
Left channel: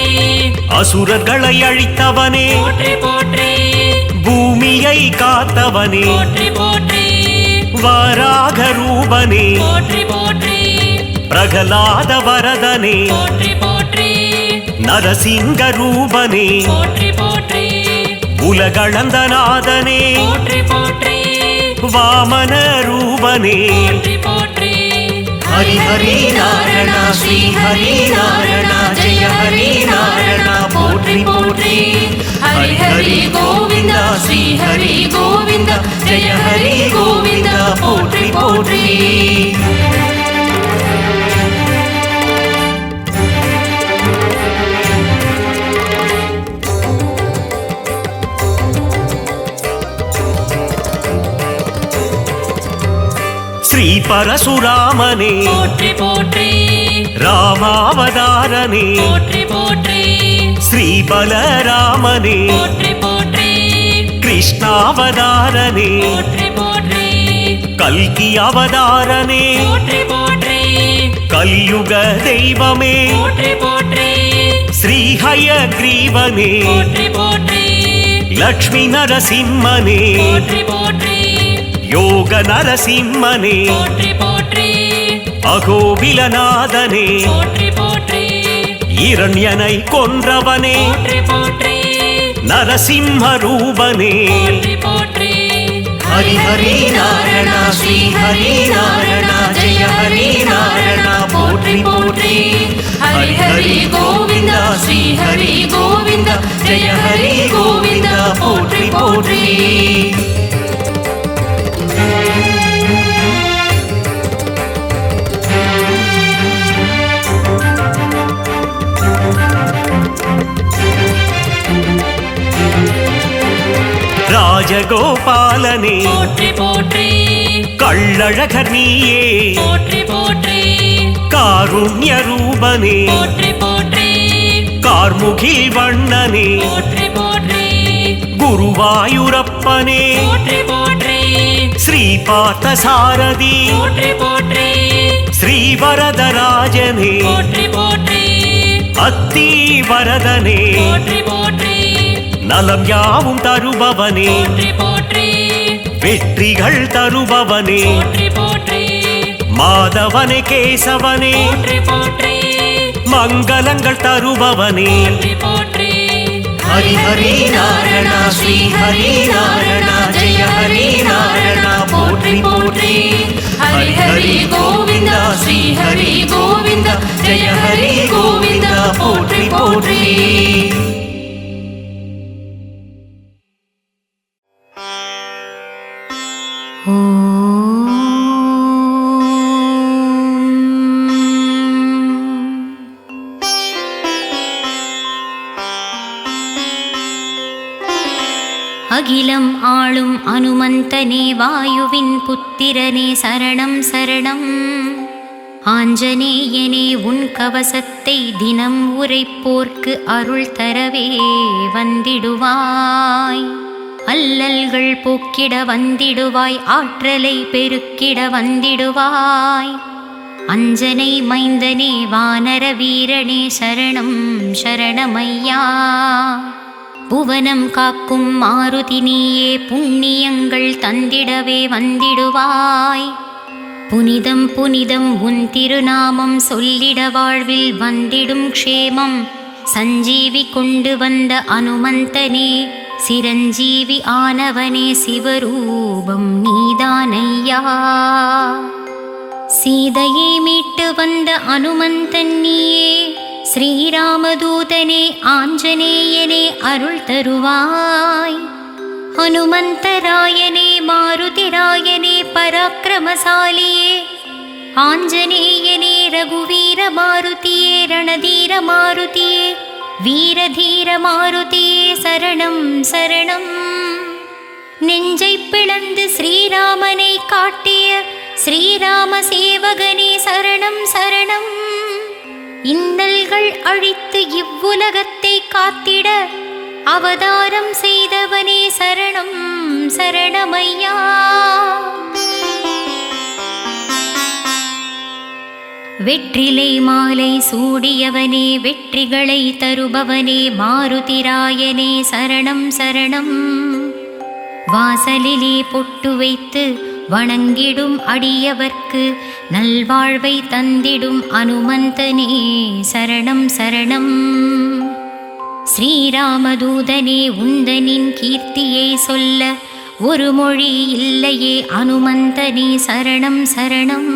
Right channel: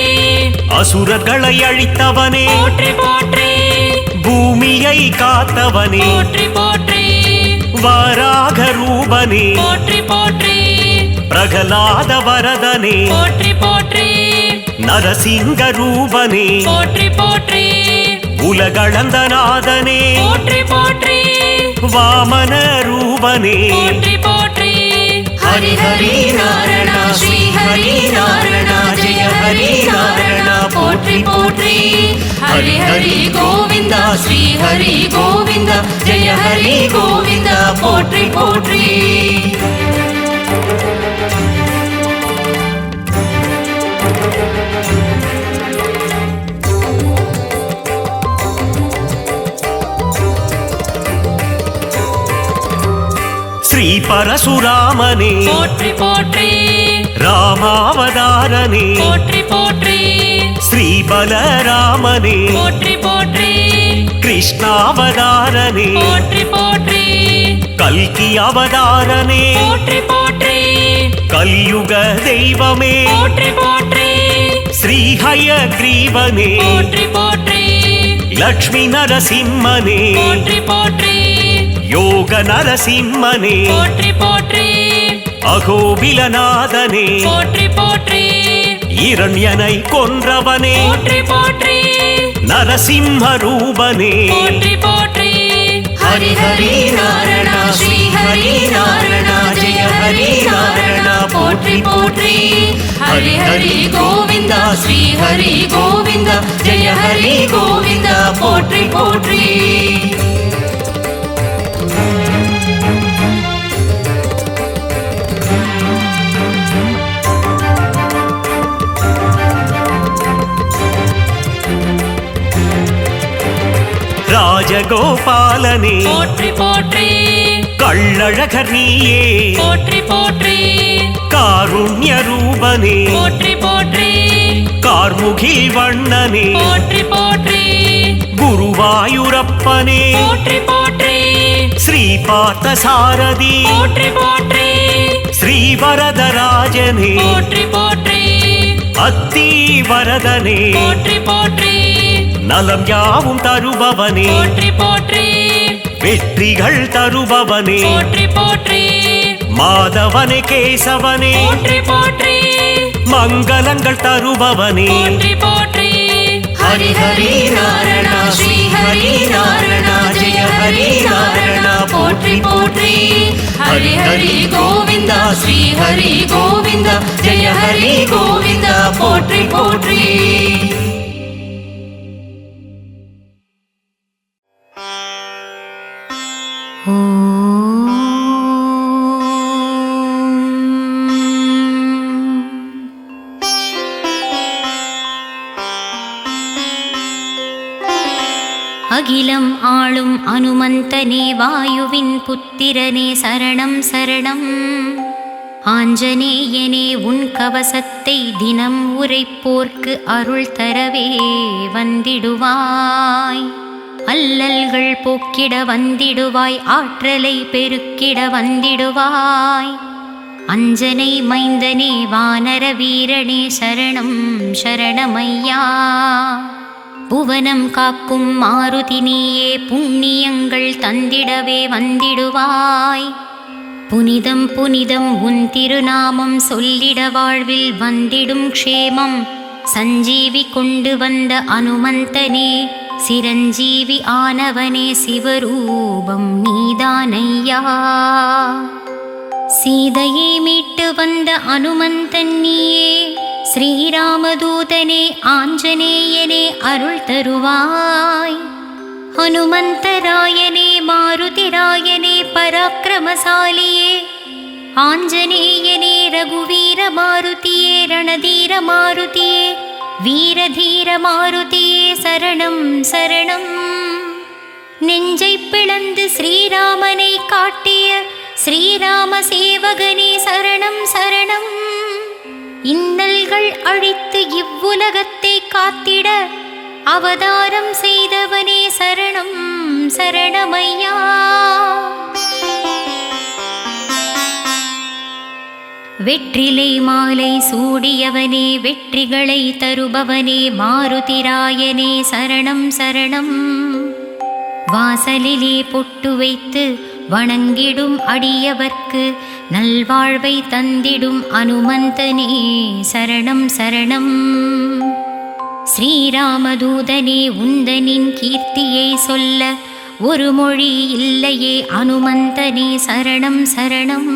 அசுரர்களை அழித்தவனே போற்றி போற்றி பூமியை காத்தவனே போற்றி போற்றி வராக ரூபனே போற்றி போற்றி பிரகலாத வரதனே போற்றி போற்றி நரசிங்க ரூபனே போற்றி போற்றி உலகளந்தநாதனே போற்றி போற்றி வாமன ரூபனே போற்றி போற்றி ஹரி ஹரி நாராயண ஸ்ரீ ஹரி நாராயண ஜெய ஹரி நாராயண போற்றி போற்றி ஹரி ஹரி கோவிந்த ஸ்ரீ ஹரி கோவிந்த ஜெய ஹரி கோவிந்த போற்றி போற்றி ஸ்ரீ பரசுராமனே போற்றி போற்றி ராமாவதாரனே போற்றி போற்றி ஸ்ரீ பலராமனே போற்றி போற்றி கிருஷ்ணாவதாரனே போற்றி போற்றி கல்கி அவதாரனே போற்றி போற்றி கலியுக தெய்வமே போற்றி போற்றி ஸ்ரீஹயக்ரீவனே போற்றி போற்றி லக்ஷ்மி நரசிம்மனே போற்றி போற்றி யோக நரசிம்மனே போற்றி போற்றி அகோபிலநாதனே போற்றி போற்றி இரண்யனை கொன்றவனே போற்றி போற்றி நரசிம்ம ரூபனே போற்றி போற்றி ஹரி ஹரி நாராயண ஸ்ரீ ஹரி நாராயண ஜெய ஹரி நாராயண போற்றி போற்றி ஹரி ஹரி கோவிந்த ஸ்ரீ ஹரி கோவிந்த ஜெய ஹரி கோவிந்த போற்றி போற்றி ராஜகோபாலனே போற்றி போற்றி கள்ளழகர் நீயே போற்றி போற்றி காருண்ய ரூபனே போற்றி போற்றி கார்முகில் வண்ணனே போற்றி போற்றி குருவாயூரப்பனே போற்றி போற்றி ஸ்ரீ பார்த்தசாரதி போற்றி போற்றி ஸ்ரீவரதராஜனே போற்றி போற்றி அத்தி வரதனே போற்றி போற்றி நலம் யாவும் தருபவனே போற்றி போற்றி வெற்றிகள் தருபவனே போற்றி போற்றி மாதவனே கேசவனே போற்றி போற்றி மங்களங்கள் தருபவனே போற்றி போற்றி ஹரி ஹரி நாராயண ஸ்ரீ ஹரி நாராயண ஜெய ஹரி நாராயண போற்றி போற்றி ஹரி ஹரி கோவிந்த ஸ்ரீ ஹரி கோவிந்த ஜெய ஹரி கோவிந்த போற்றி போற்றி அகிலம் ஆளும் அனுமந்தனே வாயுவின் புத்திரனே சரணம் சரணம் ஆஞ்சநேயனே உன் கவசத்தை தினம் உரைப்போர்க்கு அருள் தரவே வந்திடுவாய் அல்லல்கள் போக்கிட வந்திடுவாய் ஆற்றலை பெருக்கிட வந்திடுவாய் அஞ்சனை மைந்தனே வானர வீரனே சரணம் சரணமையா. புவனம் காக்கும் மாருதி நீயே புண்ணியங்கள் தந்திடவே வந்திடுவாய். புனிதம் புனிதம் உன் திருநாமம் சொல்லிட வாழ்வில் வந்திடும் க்ஷேமம். சஞ்சீவி கொண்டு வந்த அனுமந்தனே சிரஞ்சீவி ஆனவனே சிவரூபம் நீதானையா. சீதையை மீட்டு வந்த அனுமந்தன் நீயே ஸ்ரீராமதூதனே ஆஞ்சநேயனே அருள் தருவாய். ஹனுமந்தராயனே மாருதிராயனே பராக்கிரமசாலியே ஆஞ்சநேயனே ரகுவீர மாருதியே ரணதீர மாருதியே வீரதீர மாருதியே சரணம் சரணம். நெஞ்சை பிளந்து ஸ்ரீராமனை காட்டிய ஸ்ரீராம சேவகனே சரணம் சரணம். இன்னல்கள் அழித்து இவ்வுலகத்தை காத்திட அவதாரம் செய்தவனே சரணம் சரணமையா. வெற்றிலை மாலை சூடியவனே வெற்றிகளை தருபவனே மாருதிராயனே சரணம் சரணம். வாசலிலே பொட்டு வைத்து வணங்கிடும் அடியவர்க்கு நல்வாழ்வை தந்திடும் அனுமந்தனே சரணம் சரணம். ஸ்ரீராமதூதனே உந்தனின் கீர்த்தியை சொல்ல ஒரு மொழி இல்லையே அனுமந்தனே சரணம் சரணம்.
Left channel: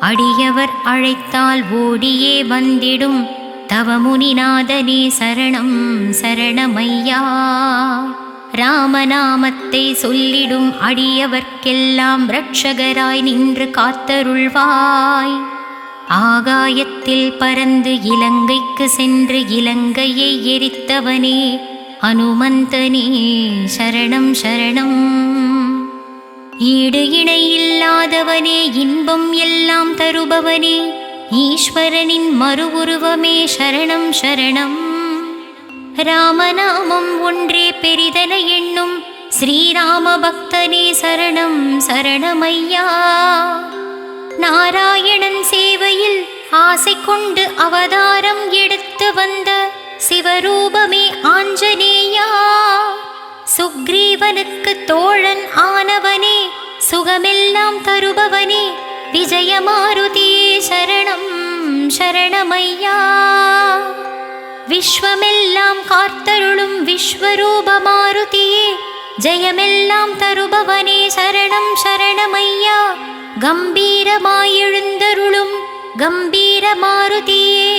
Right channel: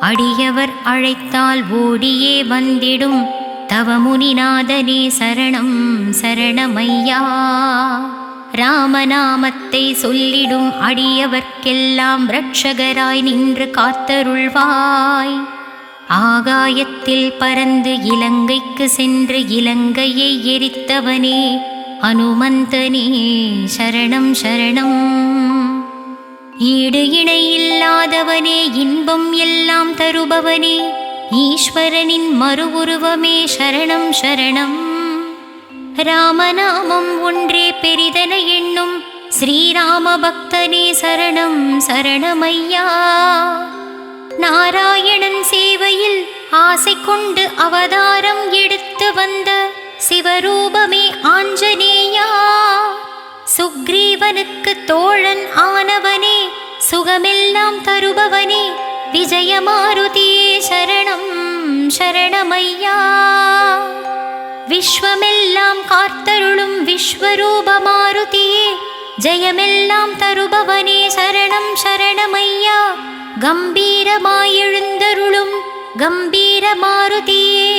அடியவர் அழைத்தால் ஓடியே வந்திடும் தவமுனிநாதனே சரணம் சரணமையா. ராமநாமத்தை சொல்லிடும் அடியவர்க்கெல்லாம் இரட்சகராய் நின்று காத்தருள்வாய். ஆகாயத்தில் பறந்து இலங்கைக்கு சென்று இலங்கையை எரித்தவனே அனுமந்தனே சரணம் சரணம். ஈடு இணை இல்லாதவனே இன்பம் எல்லாம் தருபவனே ஈஸ்வரனின் மறு உருவமே சரணம் சரணம். ராமநாமம் ஒன்றே பெரிதென எண்ணும் ஸ்ரீராம பக்தனே சரணம் சரணமையா. நாராயணன் சேவையில் ஆசை கொண்டு அவதாரம் எடுத்து வந்த சிவரூபமே ஆஞ்சநேயா. சுக்ரீவனுக்கு தோழன் ஆனவனே சுகமெல்லாம் தருபவனே விஜயமாருதியே சரணம் சரணமையா. விஸ்வமெல்லாம் காத்தருளும் விஸ்வரூபமாருதியே ஜெயமெல்லாம் தருபவனே சரணம் சரணமையா. கம்பீரமாயெழுந்தருளும் கம்பீர மாருதியே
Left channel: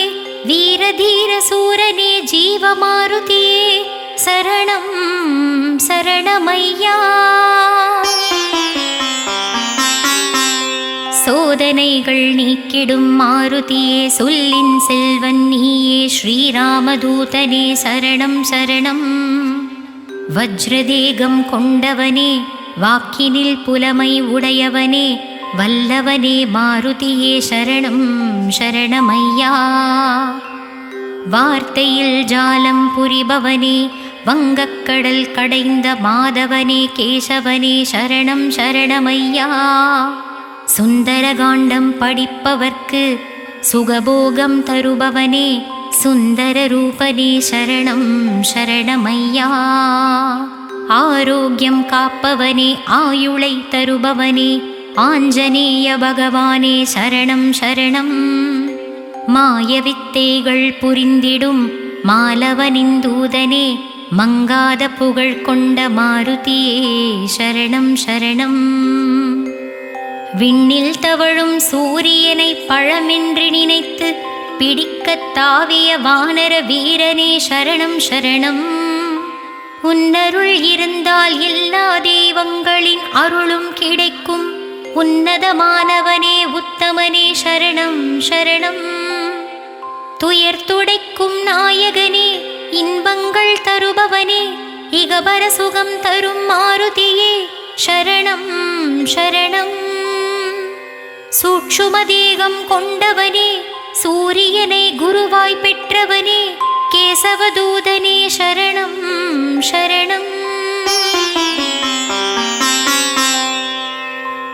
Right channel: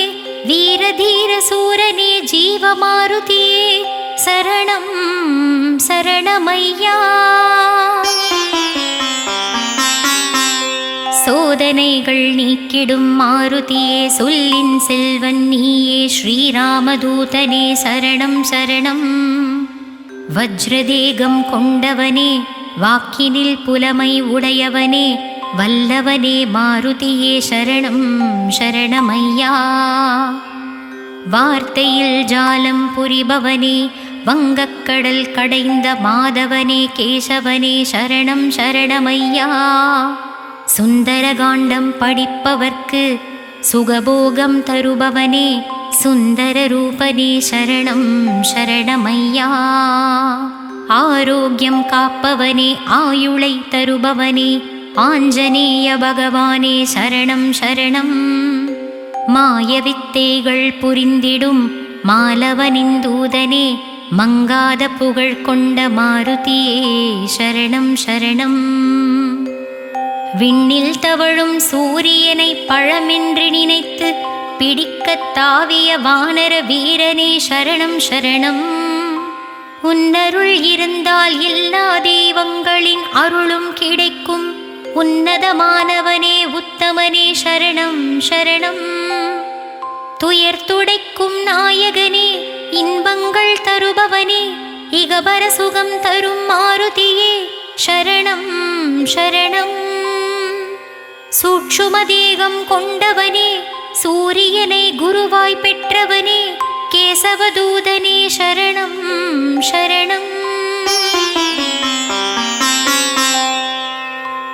வீரதீர சூரனே ஜீவமாருதியே சரணம் சரணமையா. சோதனைகள் நீக்கிடும் மாருதியே சொல்லின் செல்வன் நீயே ஸ்ரீராமதூதனே சரணம் சரணம். வஜ்ரதேகம் கொண்டவனே வாக்கினில் புலமை உடையவனே வல்லவனே மாருதியே சரணம் சரணமையா. வார்த்தையில் ஜாலம் புரிபவனே வங்கக்கடல் கடைந்த மாதவனே கேசவனே சரணம் சரணமையா. சுந்தரகாண்டம் படிப்பவர்க்கு சுகபோகம் தருபவனே சுந்தர ரூபனே சரணம் சரணமையா. ஆரோக்கியம் காப்பவனே ஆயுளை தருபவனே ஆஞ்சநேய பகவானே சரணம் சரணம். மாயவித்தைகள் புரிந்திடும் மாலவனின் தூதனே மங்காத புகழ் கொண்ட மாருதியே சரணம் சரணம். விண்ணில் தவழும் சூரியனை பழமென்று நினைத்து பிடிக்கத் தாவிய வானர வீரனே சரணம் சரணம். உன்னருள் இருந்தால் எல்லா தெய்வங்களின் அருளும் கிடைக்கும் உன்னதமானவனே உத்தமனே சரணம் சரணம். துயர் துடைக்கும் நாயகனே இன்பங்கள் தருபவனே இகபர சுகம் தரும் மாருதியே சரணம் சரணம். சூட்சுமதேகம் கொண்டவனே சூரியனை குருவாய் பெற்றவனே கேசவதூதனே சரணம் சரணம்.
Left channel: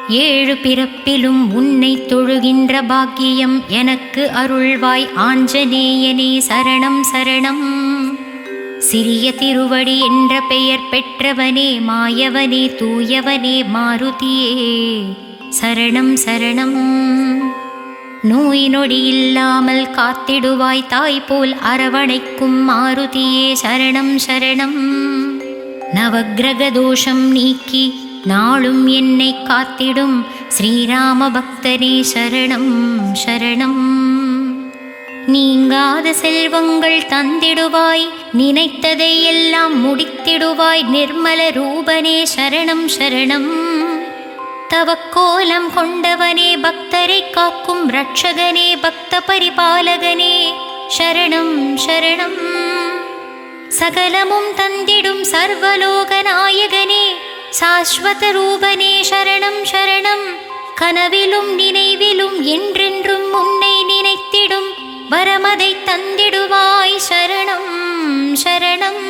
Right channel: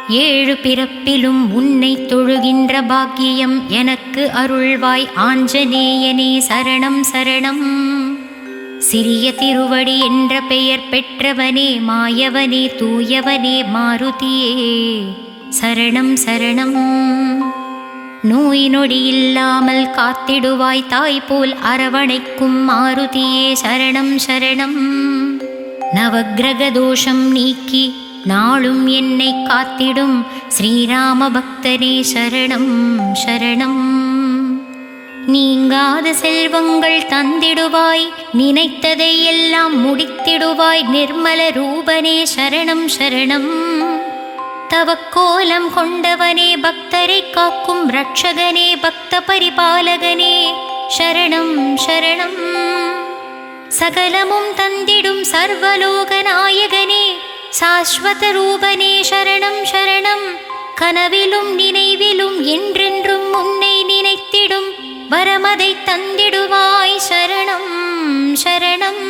ஏழு பிறப்பிலும் உன்னை தொழுகின்ற பாக்கியம் எனக்கு அருள்வாய் ஆஞ்சநேயனே சரணம் சரணம். சிறிய திருவடி என்ற பெயர் பெற்றவனே மாயவனே தூயவனே மாருதியே சரணம் சரணம். நோய் நொடி இல்லாமல் காத்திடுவாய் தாய் போல் அரவணைக்கும் மாருதியே சரணம் சரணம். நவக்கிரக தோஷம் நீக்கி நாளும் என்னை காத்திடும் ஸ்ரீராம பக்தனே சரணம் சரணம். நீங்காத செல்வங்கள் தந்திடுவாய் நினைத்ததை எல்லாம் முடித்திடுவாய் நிர்மல ரூபனே சரணம் சரணம். தவக்கோலம் கொண்டவனே பக்தரை காக்கும் ரட்சகனே பக்த பரிபாலகனே சரணம் சரணம். சகலமும் தந்திடும் சர்வலோக நாயகனே சாஸ்வத ரூபனே சரணம் சரணம். கனவிலும் நினைவிலும் என்றென்றும் உன்னை நினைத்திடும் வரமதை தந்திடுவாய் சரணம் சரணம்.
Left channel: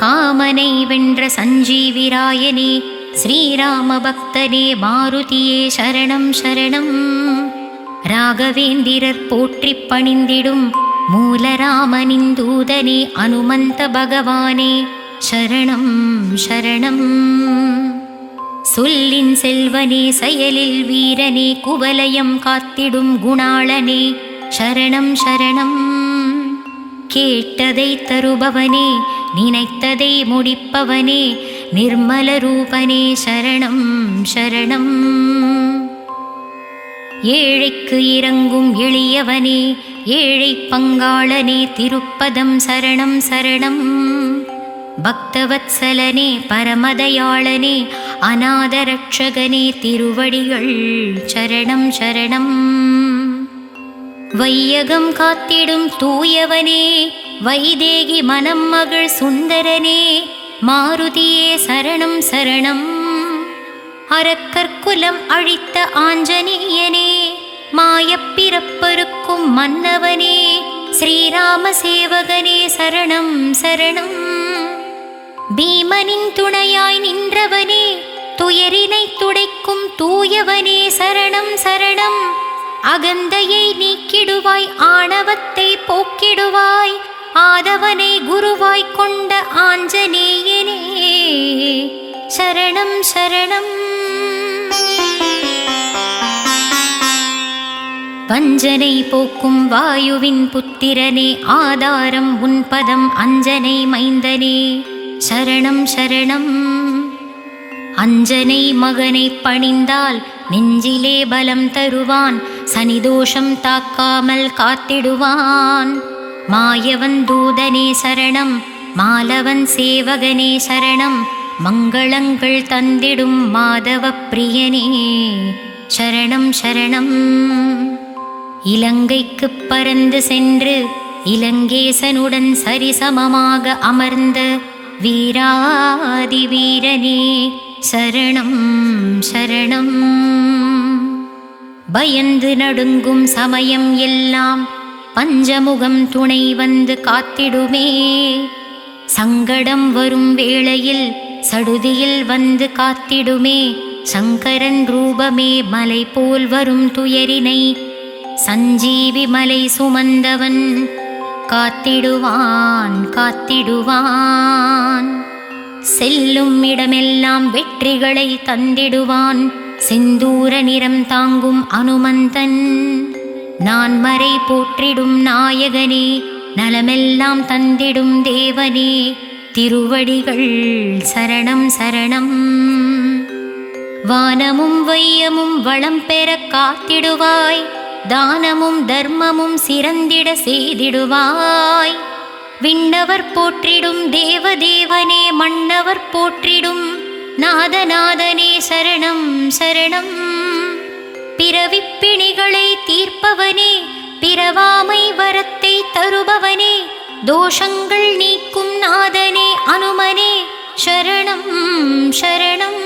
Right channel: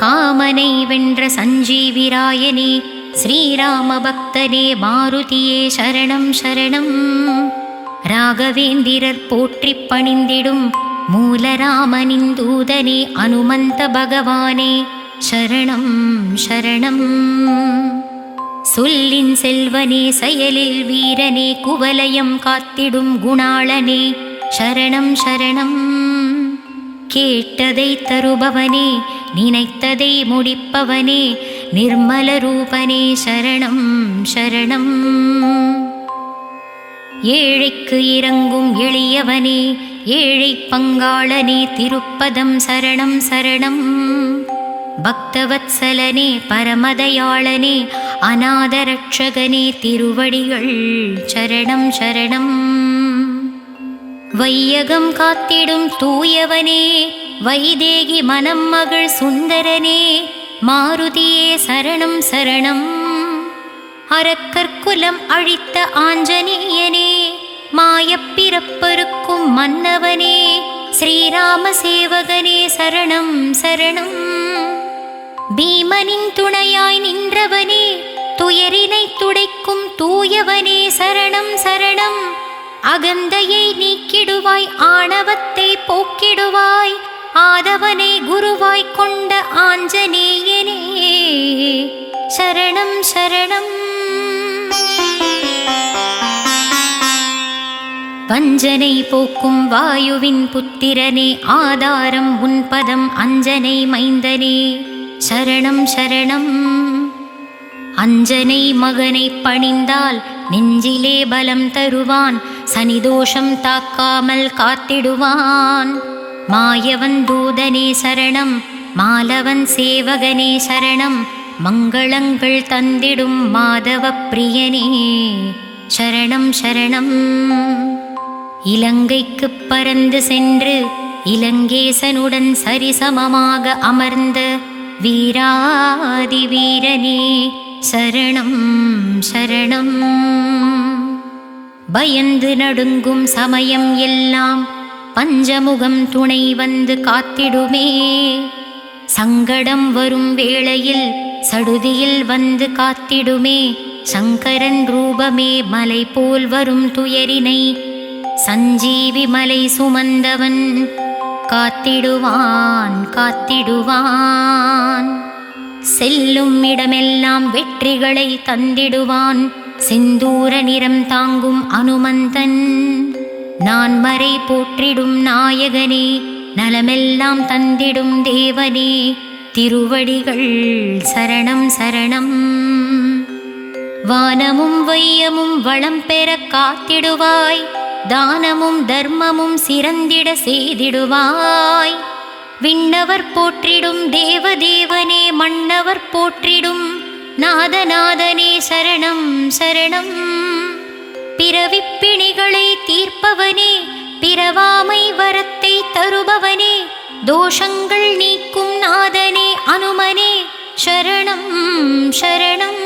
காமனை வென்ற சஞ்சீவிராயனே ஸ்ரீராம பக்தனே மாருதியே சரணம் சரணம். ராகவேந்திரர் போற்றிப் பணிந்திடும் மூலராமனின் தூதனே அனுமந்த பகவானே சரணம் சரணம். சொல்லின் செல்வனே செயலில் வீரனே குவலயம் காத்திடும் குணாளனே சரணம் சரணம். கேட்டதை தருபவனே நினைத்ததை முடிப்பவனே நிர்மல ரூபனே சரணம் சரணம். ஏழைக்கு இறங்கும் எளியவனே ஏழை பங்காளனே திருப்பதம் சரணம் சரணம். பக்தவத்சலனே பரமதயாளனே அநாதரட்சகனே திருவடிகள் சரணம் சரணம். வையகம் காத்திடும் தூயவனே வைதேகி மனம் மகள் சுந்தரனே மாருதியே சரணம் சரணம். அரக்கற்குலம் அழித்த ஆஞ்சநேயனே மாயப்பிறப்பருக்கும் மன்னவனே ஸ்ரீராம சேவகனே சரணம் சரணம். பீமனின் துணையாய் நின்றவனே துயரினை துடைக்கும் தூயவனே சரணம் சரணம். அகந்தையை நீக்கிடுவாய் ஆணவத்தை போக்கிடுவாய் ஆதவனை குருவாய் கொண்ட ஆஞ்சநேயனே சரணம் சரணம். வஞ்சனை போக்கும் வாயுவின் புத்திரனே ஆதாரம் உன் பதம் அஞ்சனை மைந்தனே சரணம் சரணம். அஞ்சனை மகனை பணிந்தால் நெஞ்சிலே பலம் தருவான் சனிதோஷம் தாக்காமல் காத்திடுவான். மாயவன் தூதனே சரணம் மாலவன் சேவகனே சரணம். மங்களங்கள் தந்திடும் மாதவ பிரியனே சரணம் சரணம். இலங்கைக்கு பறந்து சென்று இலங்கேசனுடன் சரிசமமாக அமர்ந்த வீராதி வீரனே சரணம் சரணம். பயந்து நடுங்கும் சமயம் எல்லாம் பஞ்சமுகம் துணை வந்து காத்திடுமே. சங்கடம் வரும் வேளையில் சடுதியில் வந்து காத்திடுமே. சங்கரன் ரூபமே மலை போல் வரும் துயரினை சஞ்சீவி மலை சுமந்தவன் காத்திடுவான் காத்திடுவான். செல்லும் இடமெல்லாம் வெற்றிகளை தந்திடுவான் செந்தூர நிறம் தாங்கும் அனுமந்தன். நான் மறை போற்றிடும் நாயகனே நலமெல்லாம் தந்திடும் தேவனே திருவடிகள் சரணம் சரணம். வானமும் வையமும் வளம் பெற காத்திடுவாய் தானமும் தர்மமும் சிறந்திட செய்திடுவாய். விண்ணவர் போற்றிடும் தேவதேவனே மன்னவர் போற்றிடும் நாதநாதனே சரணம் சரணம். பிறவிப்பிணிகளை தீர்ப்பவனே பிறவாமை வரத்தை தருபவனே தோஷங்கள் நீக்கும் நாதனே அனுமனே சரணம் சரணம்.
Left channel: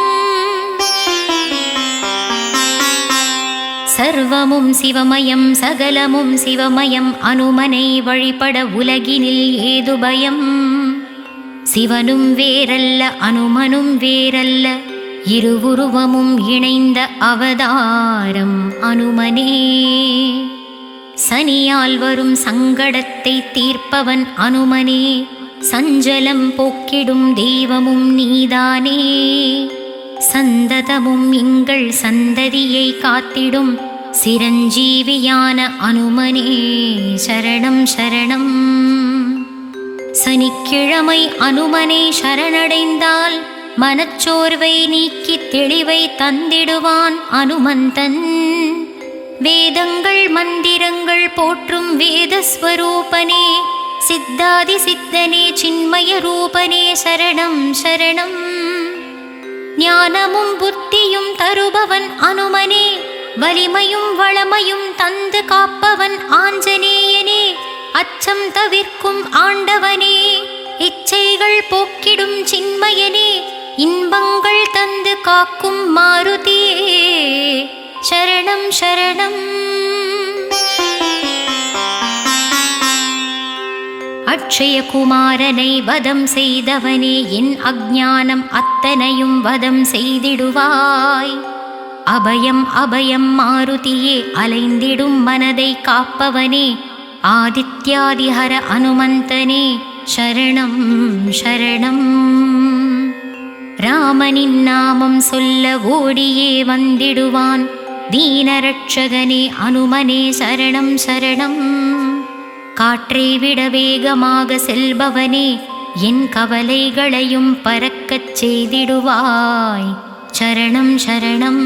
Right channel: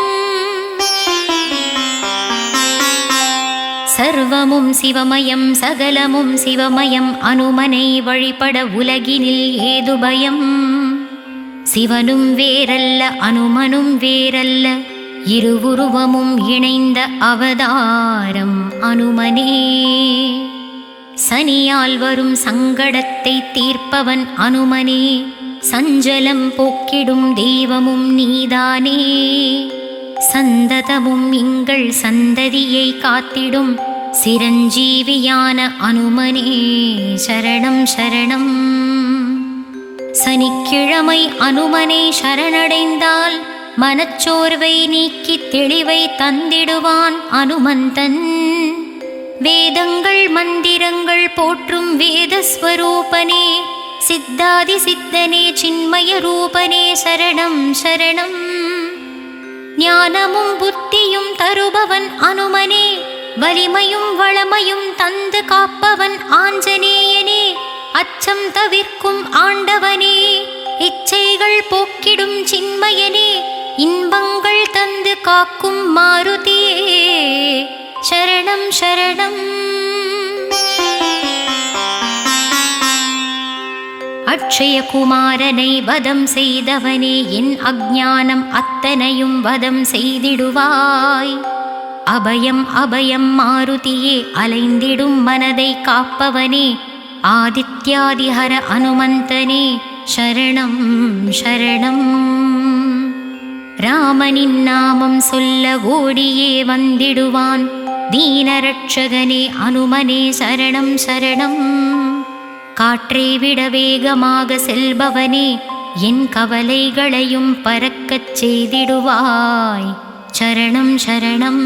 சர்வமும் சிவமயம் சகலமும் சிவமயம் அனுமனை வழிபட உலகினில் ஏது பயம். சிவனும் வேறல்ல அனுமனும் வேறல்ல இருவுருவமும் இணைந்த அவதாரம் அனுமனே. சனியால் வரும் சங்கடத்தை தீர்ப்பவன் அனுமனே. சஞ்சலம் போக்கிடும் தெய்வமும் நீதானே. சந்ததமும் எங்கள் சந்ததியை காத்திடும் சிரஞ்சீவியான அனுமனே சரணம் சரணம். சனிக்கிழமை அனுமனை சரணடைந்தால் மனச்சோர்வை நீக்கி தெளிவை தந்திடுவான் அனுமந்தன். வேதங்கள் மந்திரங்கள் போற்றும் வேதஸ்வரூபனே. சித்தாதி சித்தனே சின்மய ரூபனே சரணம் சரணம். ஞானமும் புத்தியும் தருபவன் அனுமனே. வலிமையும் வளமையும் தந்து காப்பவன் ஆஞ்சநேயனே. அச்சம் தவிர்க்கும் ஆண்டவனே. இச்சைகள் போக்கிடும் சின்மயனே. இன்பங்கள் தந்து காக்கும் மாருதியே சரணம் சரணம். அக்ஷயகுமாரனை வதம் செய்தவனே. என் அஞ்ஞானம் அத்தனையும் வதம் செய்திடுவாய். அபயம் அபயம் மாருதியே அலைந்திடும் மனதை காப்பவனே. ஆதித்யாதிஹர அனுமந்தனே சரணம் சரணம். ராமனின் நாமம் சொல்ல ஓடியே வந்திடுவான் தீனரட்சகனே அனுமனே சரணம் சரணம். காற்றை விட வேகமாக செல்பவனே. என் கவலைகளையும் பறக்கச் செய்திடுவாய் சரணம் சரணம்.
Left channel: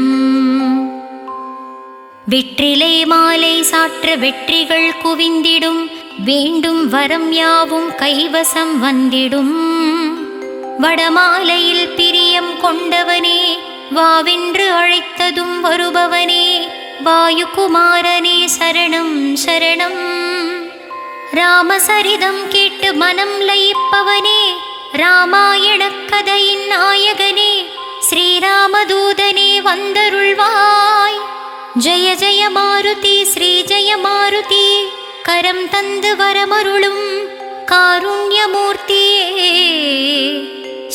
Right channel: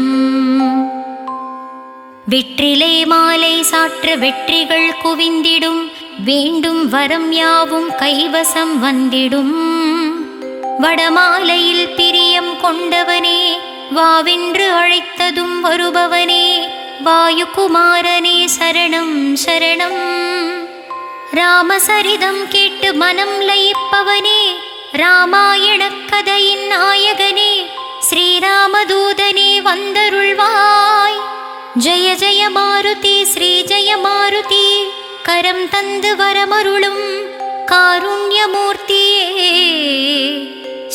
வெற்றிலை மாலை சாற்ற வெற்றிகள் குவிந்திடும். வேண்டும் வரம் யாவும் கைவசம் வந்திடும். வடமாலையில் பிரியம் கொண்டவனே. வாவென்று அழைத்ததும் வருபவனே. வாயுகுமாரனே சரணம் சரணம். ராமசரிதம் கேட்டு மனம் லயிப்பவனே. ராமாயணக் கதையின் நாயகனே. ஸ்ரீராமதூதனே வந்தருள்வாய். ஜெய ஜெய மாருதி ஸ்ரீ ஜெய மாருதி. கரம் தந்து வரமருளும் காருண்யமூர்த்தியே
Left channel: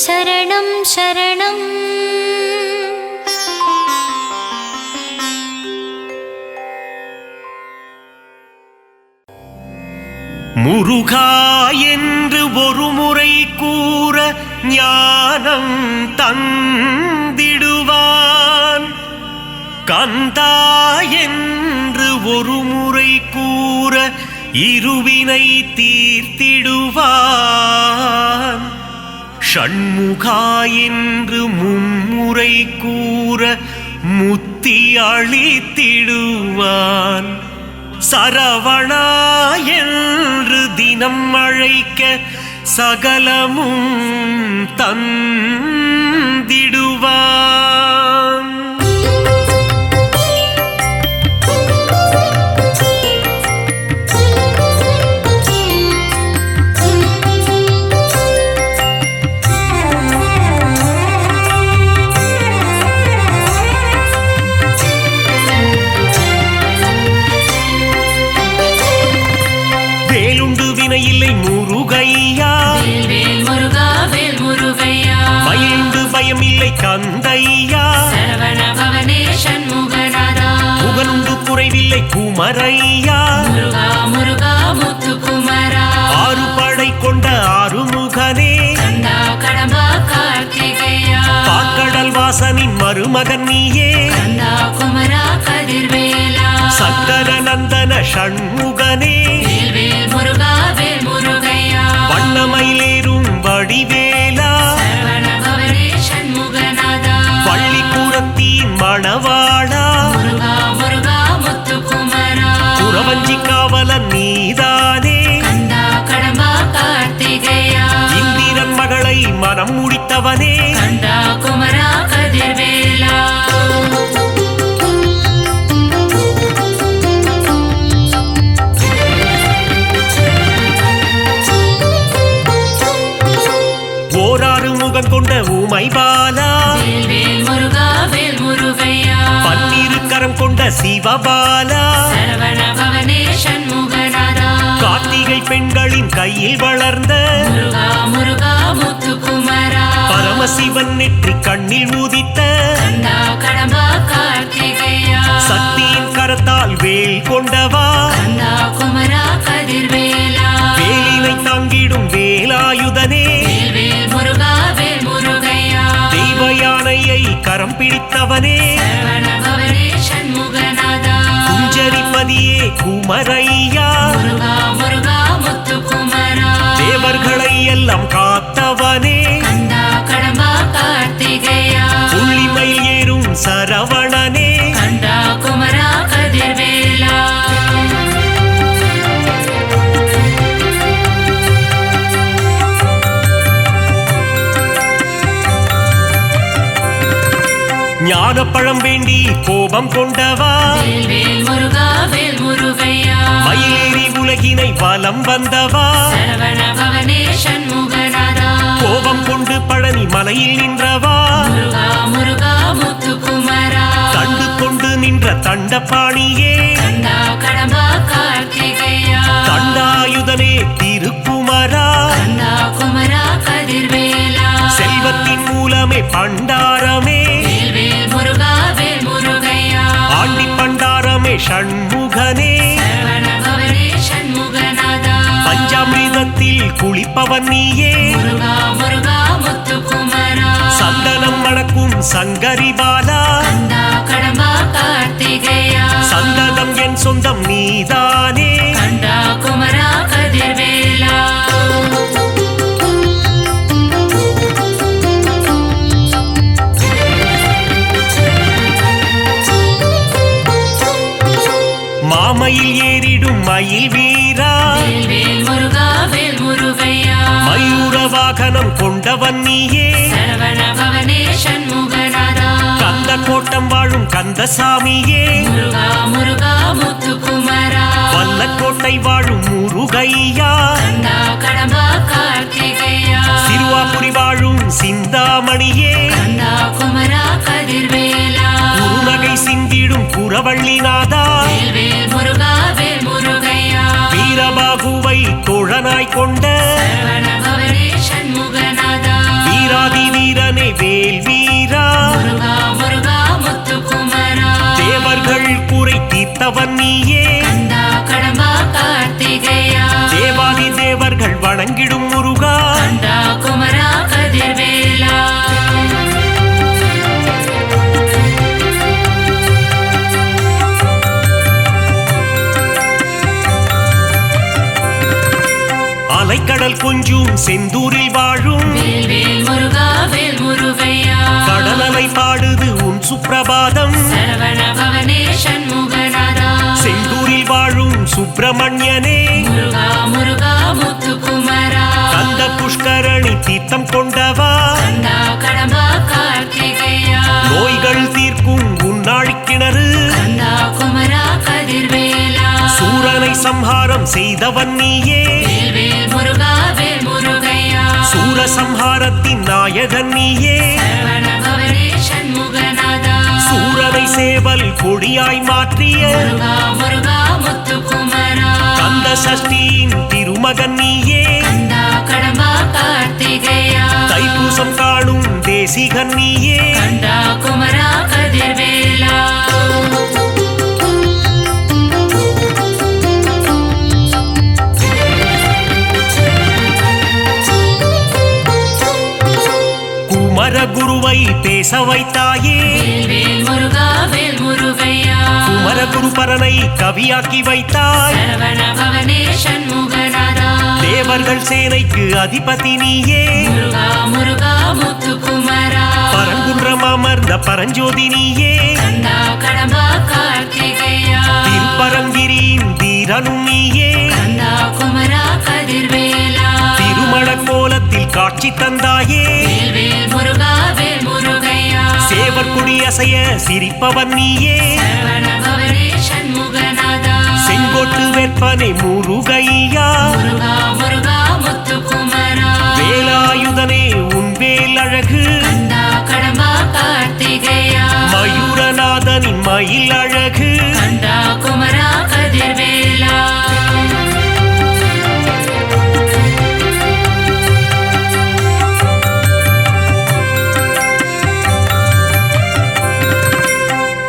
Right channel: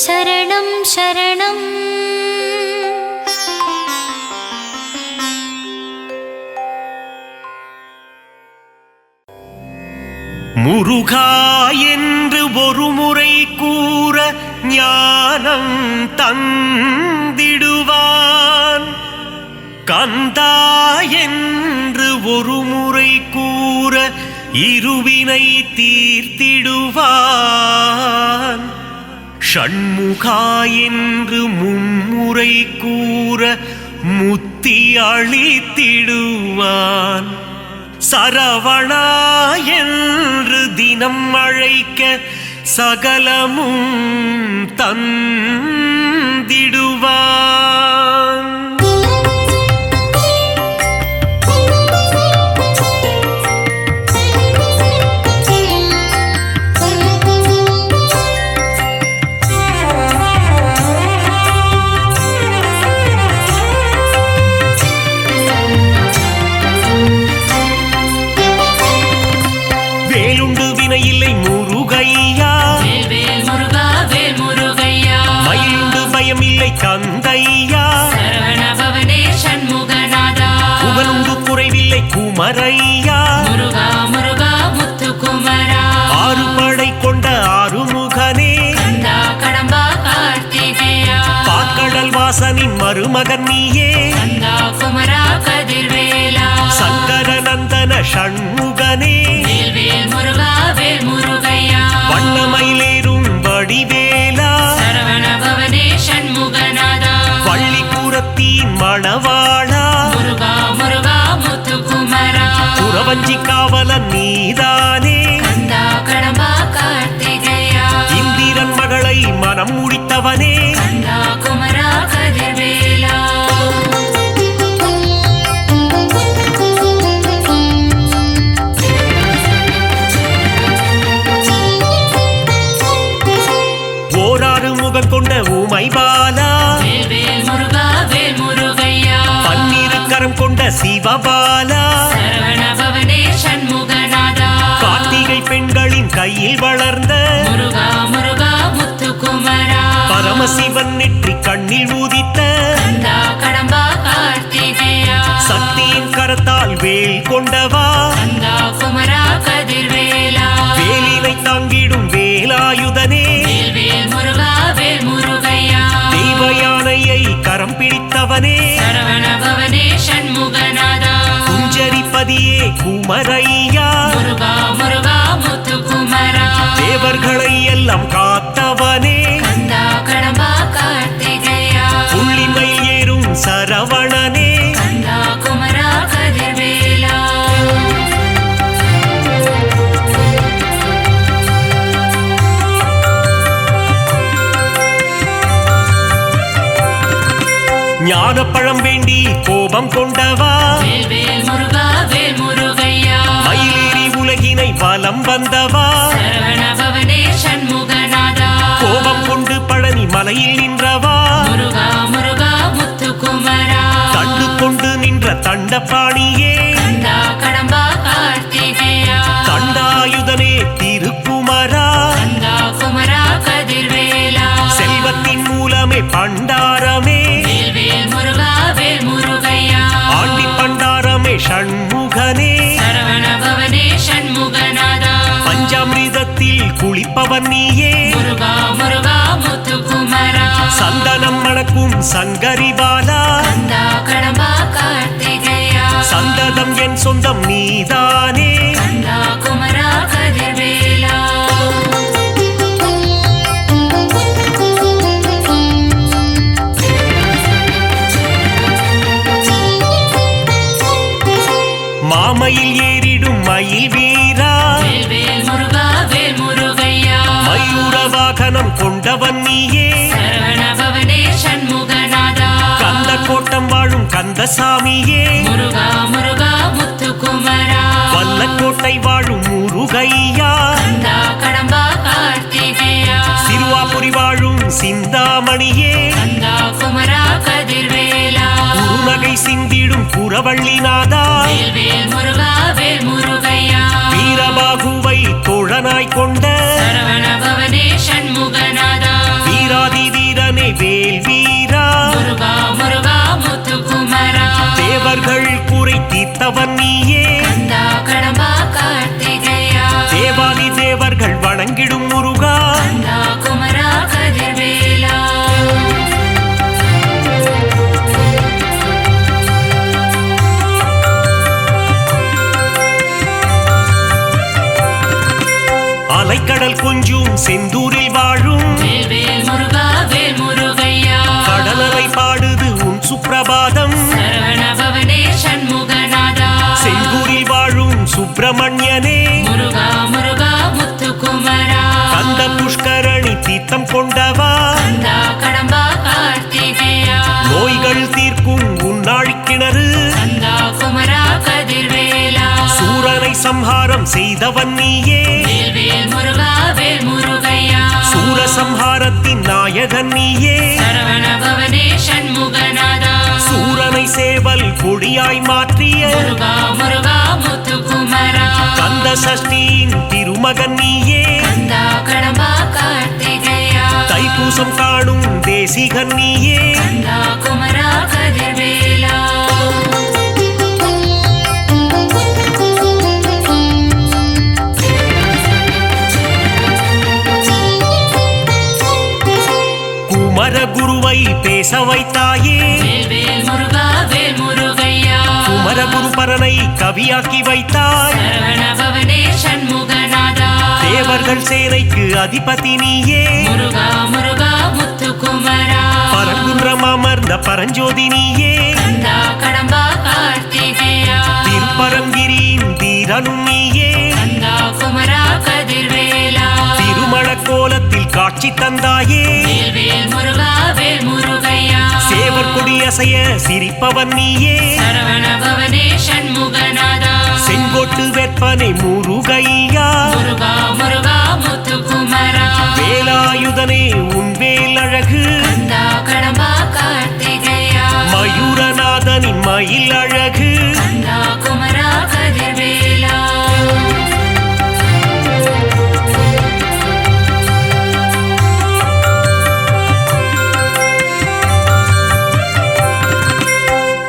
சரணம் சரணம். முருகா என்று ஒரு முறை கூற ஞானம் தந்திடுவான். கந்தா என்று ஒரு முறை கூற இருவினை தீர்த்திடுவான். ஷண்முகா என்று மும்முறை கூற முத்தி அளித்திடுவான். சரவணா என்று தினம் அழைக்க சகலமும் தந்திடுவான். வேலுண்டு வினையில்லை முருகையா. மயிலுண்டு பயமில்லை கந்தையா. புகழுண்டு குறைவில்லை குமரையா. ஆறு படை கொண்ட ஆறுமுகனே. பாக்கடல் வாசனின் மருமகன் நீயே. சங்கரநந்தன ஷண்முகனே. வண்ணமயிலேறும் வடிவேலா. பள்ளிக்கூடத்தின் மணவாளா. குறவஞ்சி காவலன் நீதானே. இந்திரன் மகளை மனம் முடித்தவனே. ஓராறு முகம் கொண்ட ஊமை பாலா. பன்னிரு கரம் கொண்ட சிவபாலா. கார்த்திகை பெண்களின் கையில் வளர்ந்த பரமசிவன் நெற்றி கண்ணில் ஊதித்த கந்தா கடம்பா கார்த்திகேயா சக்தியின் கரத்தால் வேல் கொண்டவா கந்தா குமரா கதிர்வேலா வேலினை தாங்கிடும் வேலாயுதனே வேல் முருகா வேல் முருகையா தெய்வ யானையை கரம் பிடித்தவனே சரவண பவனே சண்முகநாதா குஞ்சரிப்பதியே குமரையா முருகா முருகா முத்து குமரா தேவர்களை எல்லாம் காத்தவனே கந்தா கடம்பா கார்த்திகேயா புள்ளிமயில் ஏறும் சரவணனே கந்தா குமரா கதிர்வேலா ஞானப்பழம் வேண்டி கோபம் கொண்டவா வேல் முருகா வேல் முருகையா மயிலேறி உலகினை வலம் வந்தவா சரவண பவனே சண்முகநாதா கோபம் கொண்டு பழனி மலையில் நின்றவா முருகா முருகா முத்து குமரா தண்டு கொண்டு நின்ற தண்டபாணியே கந்தா கடம்பா கார்த்திகேயா தண்டாயுதனே திருக்குமரா கந்தா குமரா கதிர்வேலா செல்வத்தின் மூலமே பண்டாரமே வேல் முருகா வேல் முருகையா ஆண்டி பண்டாரமே ஷண்முகனே சரவண பவனே சண்முகநாதா பஞ்சாமிர்தத்தில் குளிப்பவன் நீயே முருகா முருகா முத்து குமரா சந்தனம் மணக்கும் சங்கரிபாலா கந்தா கடம்பா கார்த்திகேயா சந்ததம் என் சொந்தம் நீதானே கந்தா குமரா கதிர்வேலா மாமையில் ஏறிடும் மயில் வீரா வேல் முருகா வேல் முருகையா மயூர வாகனம் கொண்டவன் நீயே சரவண பவனே சண்முகநாதா கந்த கோட்டம் வாழும் கந்தசாமியே முருகா முருகா முத்து குமரா வல்லக்கோட்டை வாழும் முருகையா கந்தா கடம்பா கார்த்திகேயா சிறுவாபுரி வாழும் சிந்தாமணியே கந்தா குமரா கதிர்வேலா குறுநகை சிந்திடும் குரவள்ளிநாதா வேல் முருகா வேல் முருகையா வீரபாகுவை தோழனாய் கொண்ட சரவண பவனே சண்முகநாதா வீராதி வீரனே வேல் வீரா முருகா முருகா முத்து குமரா தேவர்கள் குறை தீர்த்தவன் நீயே கந்தா கடம்பா கார்த்திகேயா தேவாதி தேவர்கள் வணங்கிடும் முருகா கந்தா குமரா கதிர்வேலா அலைக்கடல் கொஞ்சும் செந்தூரில் வாழும் வேல் முருகா வேல் முருகையா கடலலை பாடுது உன் சுப்பிரபாதம் சரவண பவனே சண்முகநாதா செந்தூரில் வாழும் சுப்பிரமணியனே முருகா முருகா முத்து குமரா கந்த புஷ்கரணி தீர்த்தம் கொண்டவா கந்தா கடம்பா கார்த்திகேயா நோய்கள் தீர்க்கும் உன்னாழி கிணறு கந்தா குமரா கதிர்வேலா சூரனை சம்ஹாரம் செய்தவன் நீயே வேல் முருகா வேல் முருகையா சூரசம்ஹாரத்தின் நாயகன் நீயே சரவண பவனே சண்முகநாதா சூரனை சேவல் கொடியாய் மாற்றிய முருகா முருகா முத்து குமரா கந்த சஷ்டியின் திருமகன் நீயே கந்தா கடம்பா கார்த்திகேயா தைப்பூசம் காணும் தேசிகன் நீயே கந்தா குமரா கதிர்வேலா குமரகுருவை பேச வைத்தாயே வேல் முருகா வேல் முருகையா குமரகுரு பரனை கவியாக்கி வைத்தாய் சரவண பவனே சண்முகநாதா தேவர்கள் சேனைக்கு அதிபதி நீயே முருகா முருகா முத்து குமரா பரங்குன்றம் அமர்ந்த பரஞ்சோதி நீயே கந்தா கடம்பா கார்த்திகேயா திருப்பரங்கிரியின் தீரனும் நீயே கந்தா குமரா கதிர்வேலா திருமண கோலத்தில் காட்சி தந்தாயே வேல் முருகா வேல் முருகையா சேவர் கொடி அசைய சிரிப்பவன் நீயே சரவண பவனே சண்முகநாதா செங்கோட்டு வெப்பனை முருகையா முருகா முருகா முத்து குமரா வேலாயுதனே உன் வேல் அழகு கந்தா கடம்பா கார்த்திகேயா மயூரநாதனின் மயில் அழகு கந்தா குமரா கதிர்வேலா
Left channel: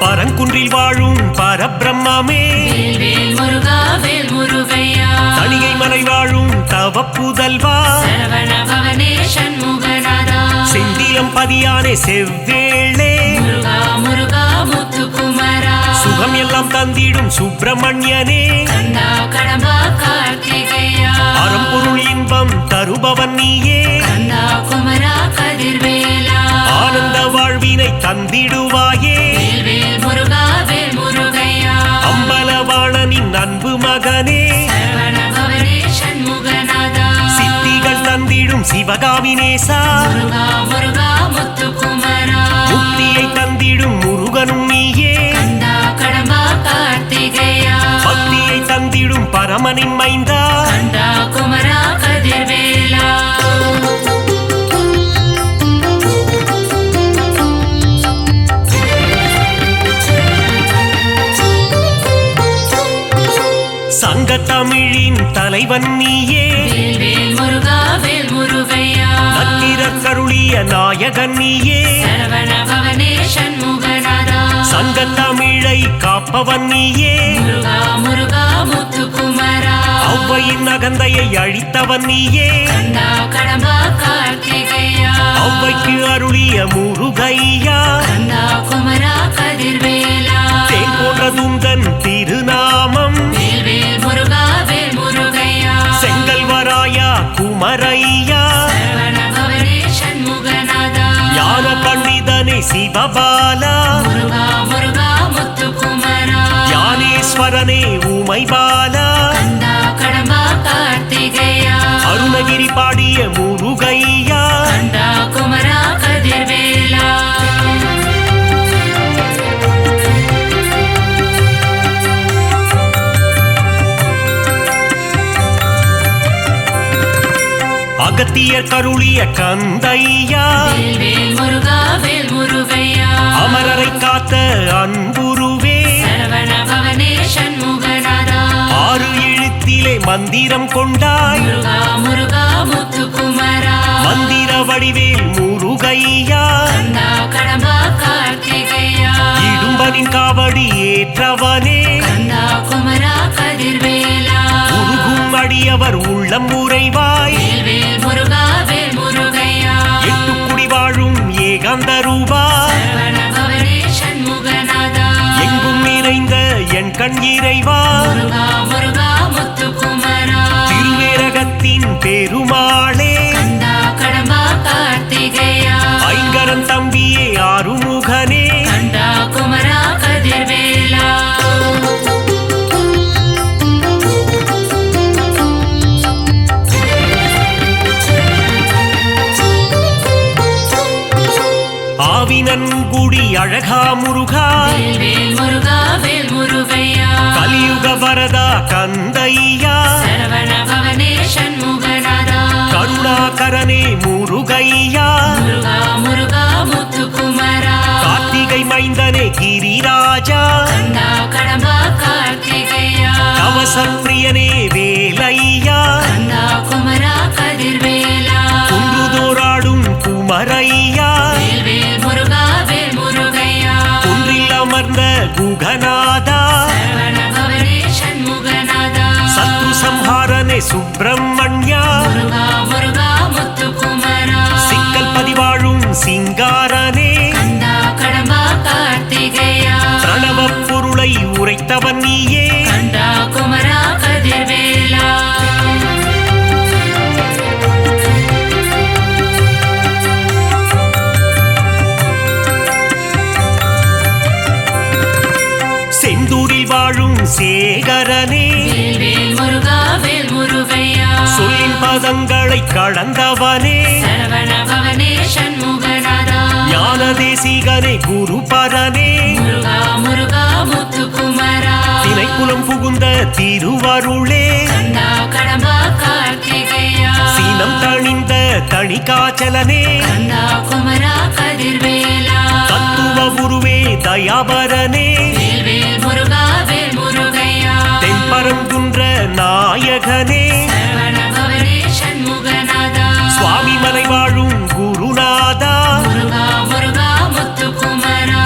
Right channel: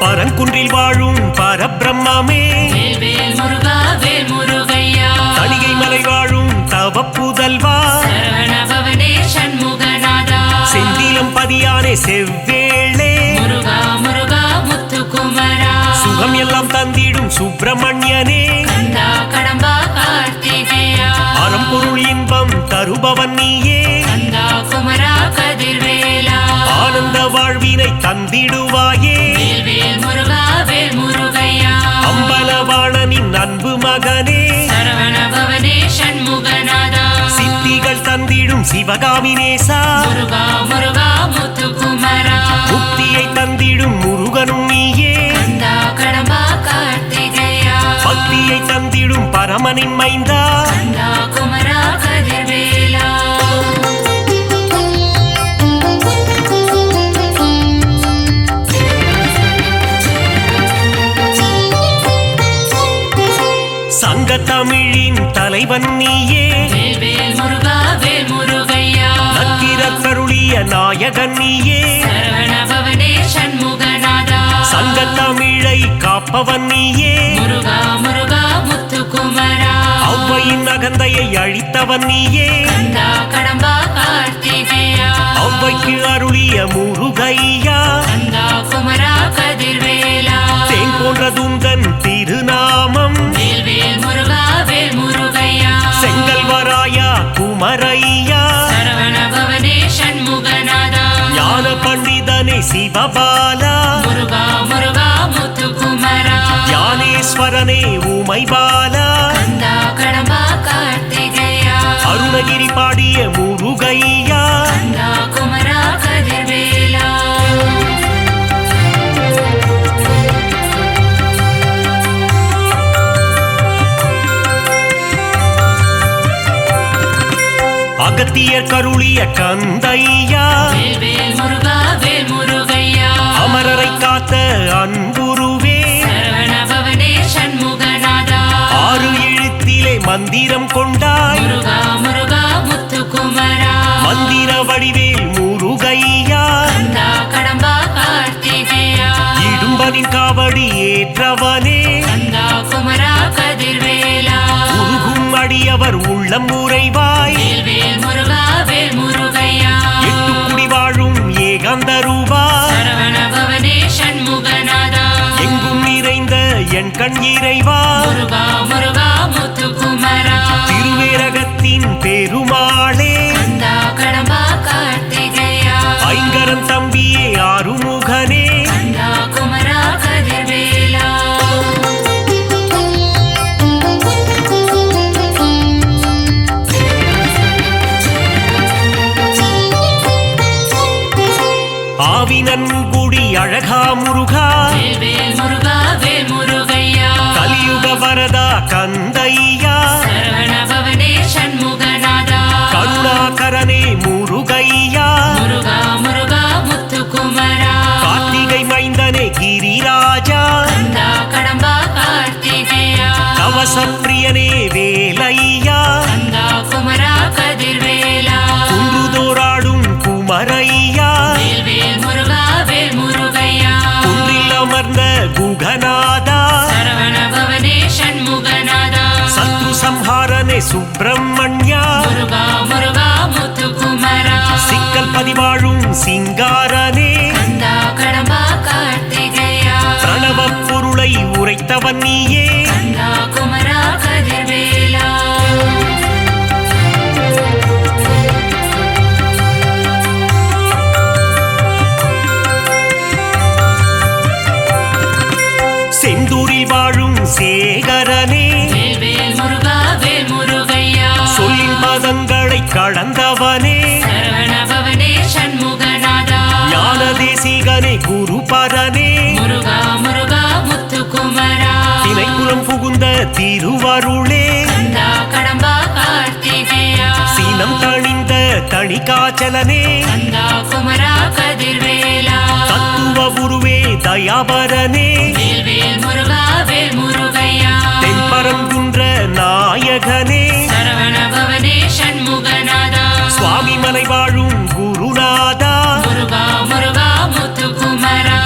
பரங்குன்றில் வாழும் பரபிரம்மே வேல் முருகா வேல் முருகையா தணிகை மலை வாழும் தவப்புதல்வா சரவண பவனே சண்முகநாதா செந்திலம் பதியானே செவ்வேளே முருகா முருகா முத்துக்குமரா சுகம் எல்லாம் தந்திடும் சுப்பிரமணியனே கந்தா கடம்பா கார்த்திகேயா அறம்பொருள் இன்பம் தருபவன் நீயே கந்தா குமரா கதிர்வேலா ஆனந்த வாழ்வினை தந்திடுவாயே வேல் முருகா வேல் முருகையா அம்பலவாணனின் அன்பு மகனே சரவண பவனே சண்முகநாதா சித்திகள் தந்திடும் சிவகாமினேசா முருகா முருகா முத்துக்குமரா முக்தியை தந்திடும் முருகனும் நீயே கந்தா கடம்பா கார்த்திகேயா பக்தியை தந்திடும் பரமனின் மைந்தா கந்தா குமரா கதிர்வேலா சங்கத்தமிழின் தலைவன் நீயே வேல் முருகா வேல் முருகையா நக்கீரர் கருளிய நாயகன் நீயே சரவண பவனே சண்முகநாதா சங்கத்தமிழை காப்பவன் நீயே முருகா முருகா முத்துக்குமரா ஔவையின் அகந்தையை அழித்தவன் நீயே கந்தா கடம்பா கார்த்திகேயா ஔவைக்கு அருளிய முருகையா கந்தா குமரா கதிர்வேலா தேன் போன்ற துந்தன் திருநாமம் வேல் முருகா வேல் முருகையா செங்கல்வராயா குமரையா சரவண பவனே சண்முகநாதா ஞான பண்டிதனே சிவபாலா முருகா முருகா முத்துக்குமரா ஞானேஸ்வரனே உமைபாலா கந்தா கடம்பா கார்த்திகேயா அருணகிரி பாடிய முருகையா கந்தா குமரா கதிர்வேலா அகத்தியர் கருளிய கந்தையா வேல் முருகா வேல் முருகையா அமரரை காத்த அன்புருவே சரவண பவனே சண்முகநாதா ஆறு எழுத்திலே மந்திரம் கொண்டாய் முருகா முருகா முத்துக்குமரா மந்திர வடிவேல் முருகையா கந்தா கடம்பா கார்த்திகேயா இடும்பனின் காவடி ஏற்றவனே கந்தா குமரா கதிர்வேலா உருகும் அடியவர் உள்ளம் உறைவாய் வேல் முருகா வேல் முருகையா எட்டுக்குடி வாழும் ஏகாந்த ரூபா சரவண பவனே சண்முகநாதா எங்கும் நிறைந்த என் கண் இறைவா முருகா முருகா முத்துக்குமரா திருவேரகத்தின் பெருமாளே கந்தா கடம்பா கார்த்திகேயா ஐங்கரன் தம்பியே ஆறுமுகனே கந்தா குமரா கதிர்வேலா ஆவினன்குடி அழகா முருகா வேல் முருகா வேல் முருகையா கலியுக வரதா கந்தையா சரவண பவனே சண்முகநாதா கருணாகரனே முருகையா முருகா முருகா முத்துக்குமரா கார்த்திகை மைந்தனே கிரிராஜா கந்தா கடம்பா கார்த்திகேயா கவசப்பிரியனே வேலையா கந்தா குமரா கதிர்வேலா குன்றுதோராடும் குமரையா வேல் முருகா வேல் முருகையா குன்றில் அமர்ந்த குகநாதா சரவண பவனே சண்முகநாதா சத்ரு சம்ஹாரனே சுப்பிரமணியா முருகா முருகா முத்துக்குமரா சிக்கல் பதிவாழும் சிங்காரனே கந்தா கடம்பா கார்த்திகேயா பிரணவ பொருளை உரைத்தவன் நீயே கந்தா குமரா கதிர்வேலா செந்தூரில் வாழும் சேகரனே வேல் முருகா வேல் முருகையா சொல்லின் பதங்களை கடந்தவனே சரவண பவனே சண்முகநாதா ஞான தேசிகனே குருபரனே முருகா முருகா முத்துக்குமரா திணைக்குலம் புகுந்த திருவருளே கந்தா கடம்பா கார்த்திகேயா சீனம் தணிந்த தணிகாச்சலனே கந்தா குமரா கதிர்வேலா தத்துவ உருவே தயாபரனே வேல் முருகா வேல் முருகையா தென்பரங்குன்ற நாயகனே சரவண பவனே சண்முகநாதா சுவாமி மலை வாழும் குருநாதா முருகா முருகா முத்துக்குமரா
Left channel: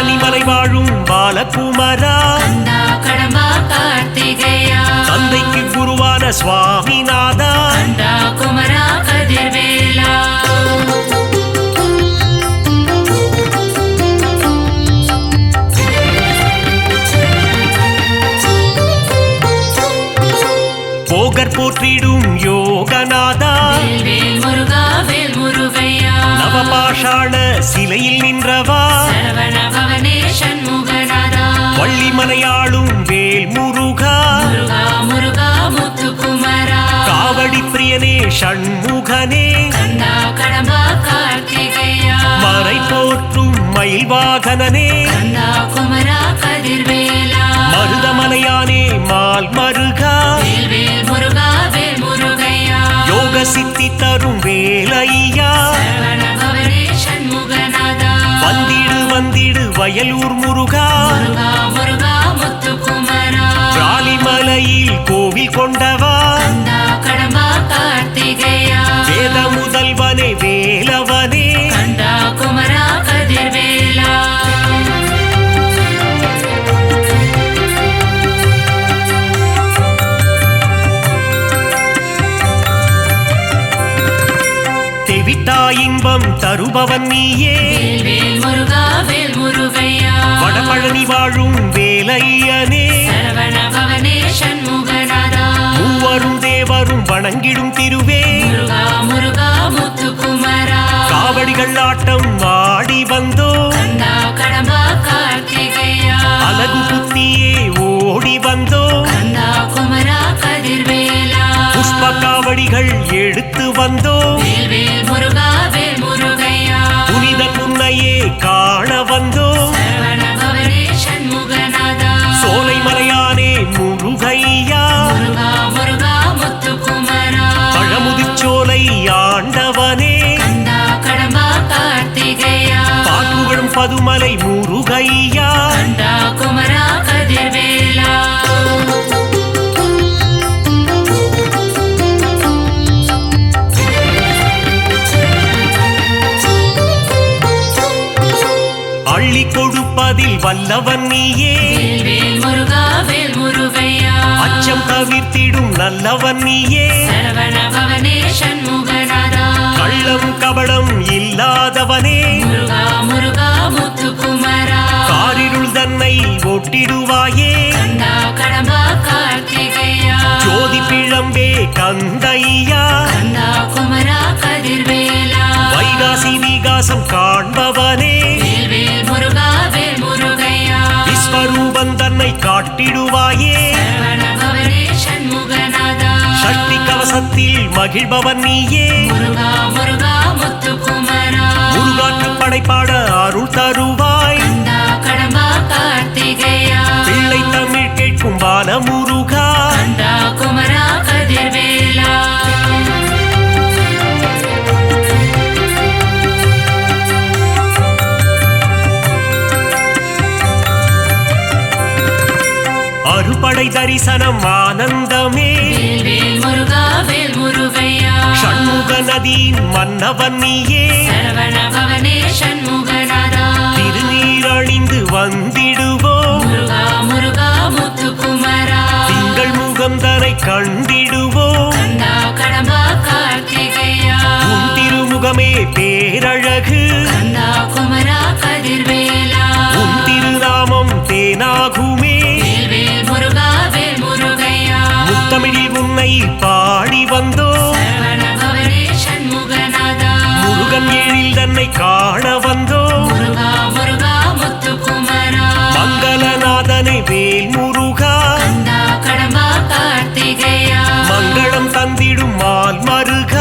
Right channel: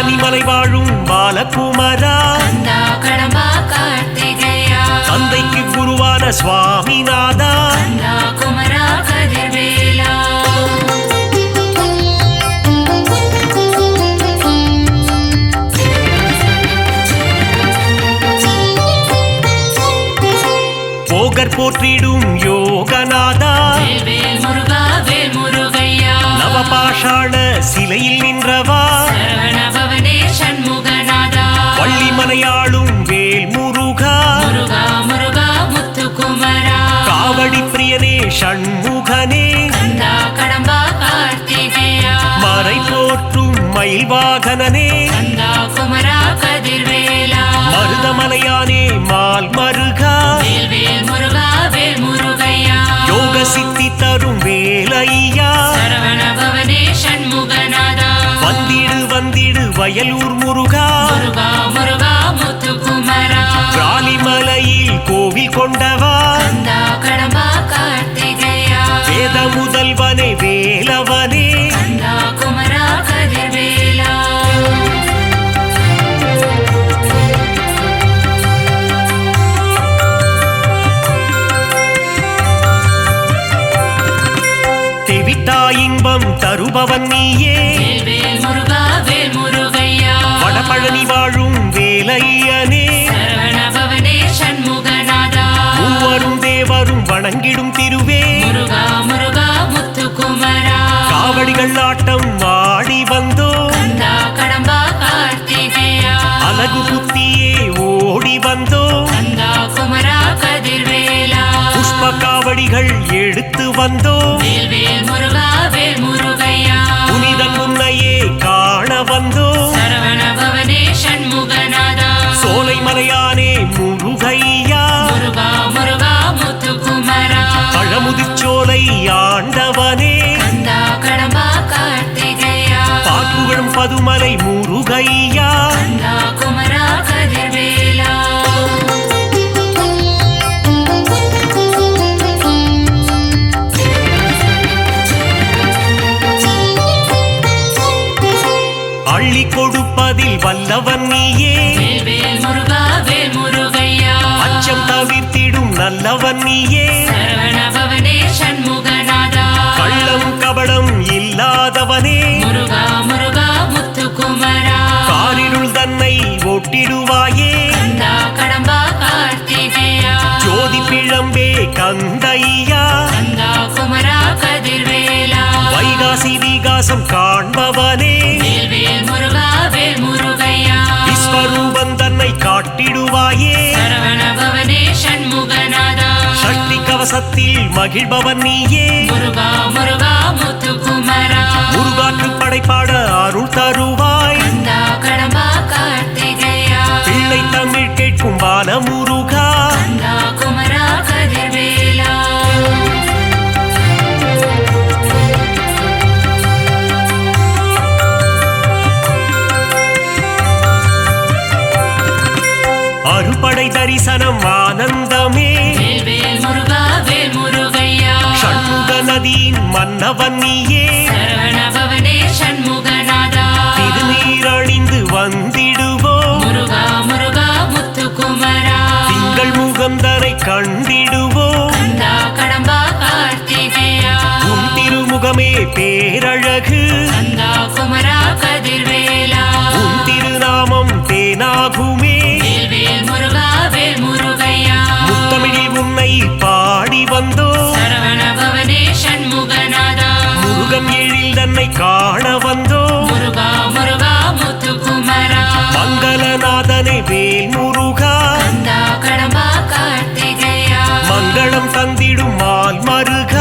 பழனிமலை வாழும் பாலகுமரா கந்தா கடம்பா கார்த்திகேயா தந்தைக்கு குருவான சுவாமிநாதா கந்தா குமரா கதிர்வேலா போகர் போற்றிடும் யோகநாதா வேல் முருகா வேல் முருகையா நவபாஷாண சிலையில் நின்றவா சரவண பவனே சண்முகநாதா வள்ளிமலையாளும் வேல் முருகா முருகா முருகா முத்துக்குமரா காவடி பிரியனே ஷண்முகனே கந்தா கடம்பா கார்த்திகேயா மறை போற்றும் மயில் வாகனனே கந்தா குமரா கதிர்வேலா மருதமலையானே மால் மருகா வேல் வேல் முருகா வேல் முருகையா யோக சித்தி தரும் வேலையா சரவண பவனே சண்முகநாதா வந்திடு வந்திடு வயலூர் முருகா முருகா முருகா முத்துக்குமரா பிராலிமலையில் கோவில் கொண்டவா கந்தா கடம்பா கார்த்திகேயா வேத முதல்வனே வேலவனே கந்தா குமரா கதிர்வேலா தெவிட்டா இன்பம் தருபவன் நீயே வேல் வேல் முருகா வேல் முருகையா வடபழனி வாழும் வேலையனே சரவண பவனே சண்முகநாதா மூவரும் தேவரும் வணங்கிடும் திருவே முருகா முருகா முத்துக்குமரா காவடிகள் ஆட்டம் ஆடி வந்தோ கந்தா கடம்பா கார்த்திகேயா அலகு குத்தியே ஓடி வந்தோ கந்தா குமரா கதிர்வேலா புஷ்ப காவடிகள் எடுத்து வந்தோ வேல் வேல் முருகா வேல் முருகையா புனிதன் முன்னையே காண வந்தோ சரவண பவனே சண்முகநாதா சோலை மலையானே முருகையா முருகா முருகா முத்துக்குமரா பழமுதிர்ச்சோலை ஆண்டவனே கந்தா கடம்பா கார்த்திகேயா பாக்குகளும் பதுமலை முருகையா கந்தா குமரா கதிர்வேலா அள்ளி கொடுப்பதில் வல்லவன் நீயே வேல் வேல் முருகா வேல் முருகையா அச்சம் தவிர்த்திடும் நல்லவன் நீயே சரவண பவனே சண்முகநாதா கள்ளம் கபடம் இல்லாதவனே முருகா முருகா முத்துக்குமரா காரிருள் தன்னை ஒட்டிடுவாயே கந்தா கடம்பா கார்த்திகேயா ஜோதி பிழம்பே கந்தையா கந்தா குமரா கதிர்வேலா வைகாசி விகாசம் காண்பவனே வேல் வேல் முருகா வேல் முருகையா விஸ்வரூபன் தன்னை காட்டிடுவாயே சரவண பவனே சண்முகநாதா சஷ்டி கவசத்தில் மகிழ்பவன் நீயே முருகா முருகா முத்துக்குமரா முருகாற்று படைப்பாட அருள் தருவாய் கந்தா கடம்பா கார்த்திகேயா பிள்ளை தமிழ் கேட்கும் பால முருகா கந்தா குமரா கதிர்வேலா அறுபடை தரிசனம் ஆனந்தமே வேல் வேல் முருகா வேல் முருகையா ஷண்முக நதியின் மன்னவன் நீயே சரவண பவனே சண்முகநாதா திருநீரணிந்து வந்திடுவோம் முருகா முருகா முத்துக்குமரா திங்கள் முகம் தனை கண்டிடுவோம் கந்தா கடம்பா கார்த்திகேயா உன் திருமுகமே பேரழகு கந்தா குமரா கதிர்வேலா உன் திருநாமம் தேனாகுமே வேல் வேல் முருகா வேல் முருகையா முத்தமிழில் உன்னை பாடி வந்தோ சரவண பவனே சண்முகநாதா முருகன் எழில் தன்னை காண வந்தோ முருகா முருகா முத்துக்குமரா மங்களநாதனே வேல் முருகா கந்தா கடம்பா கார்த்திகேயா மங்களம் தந்திடும் மால் மருகா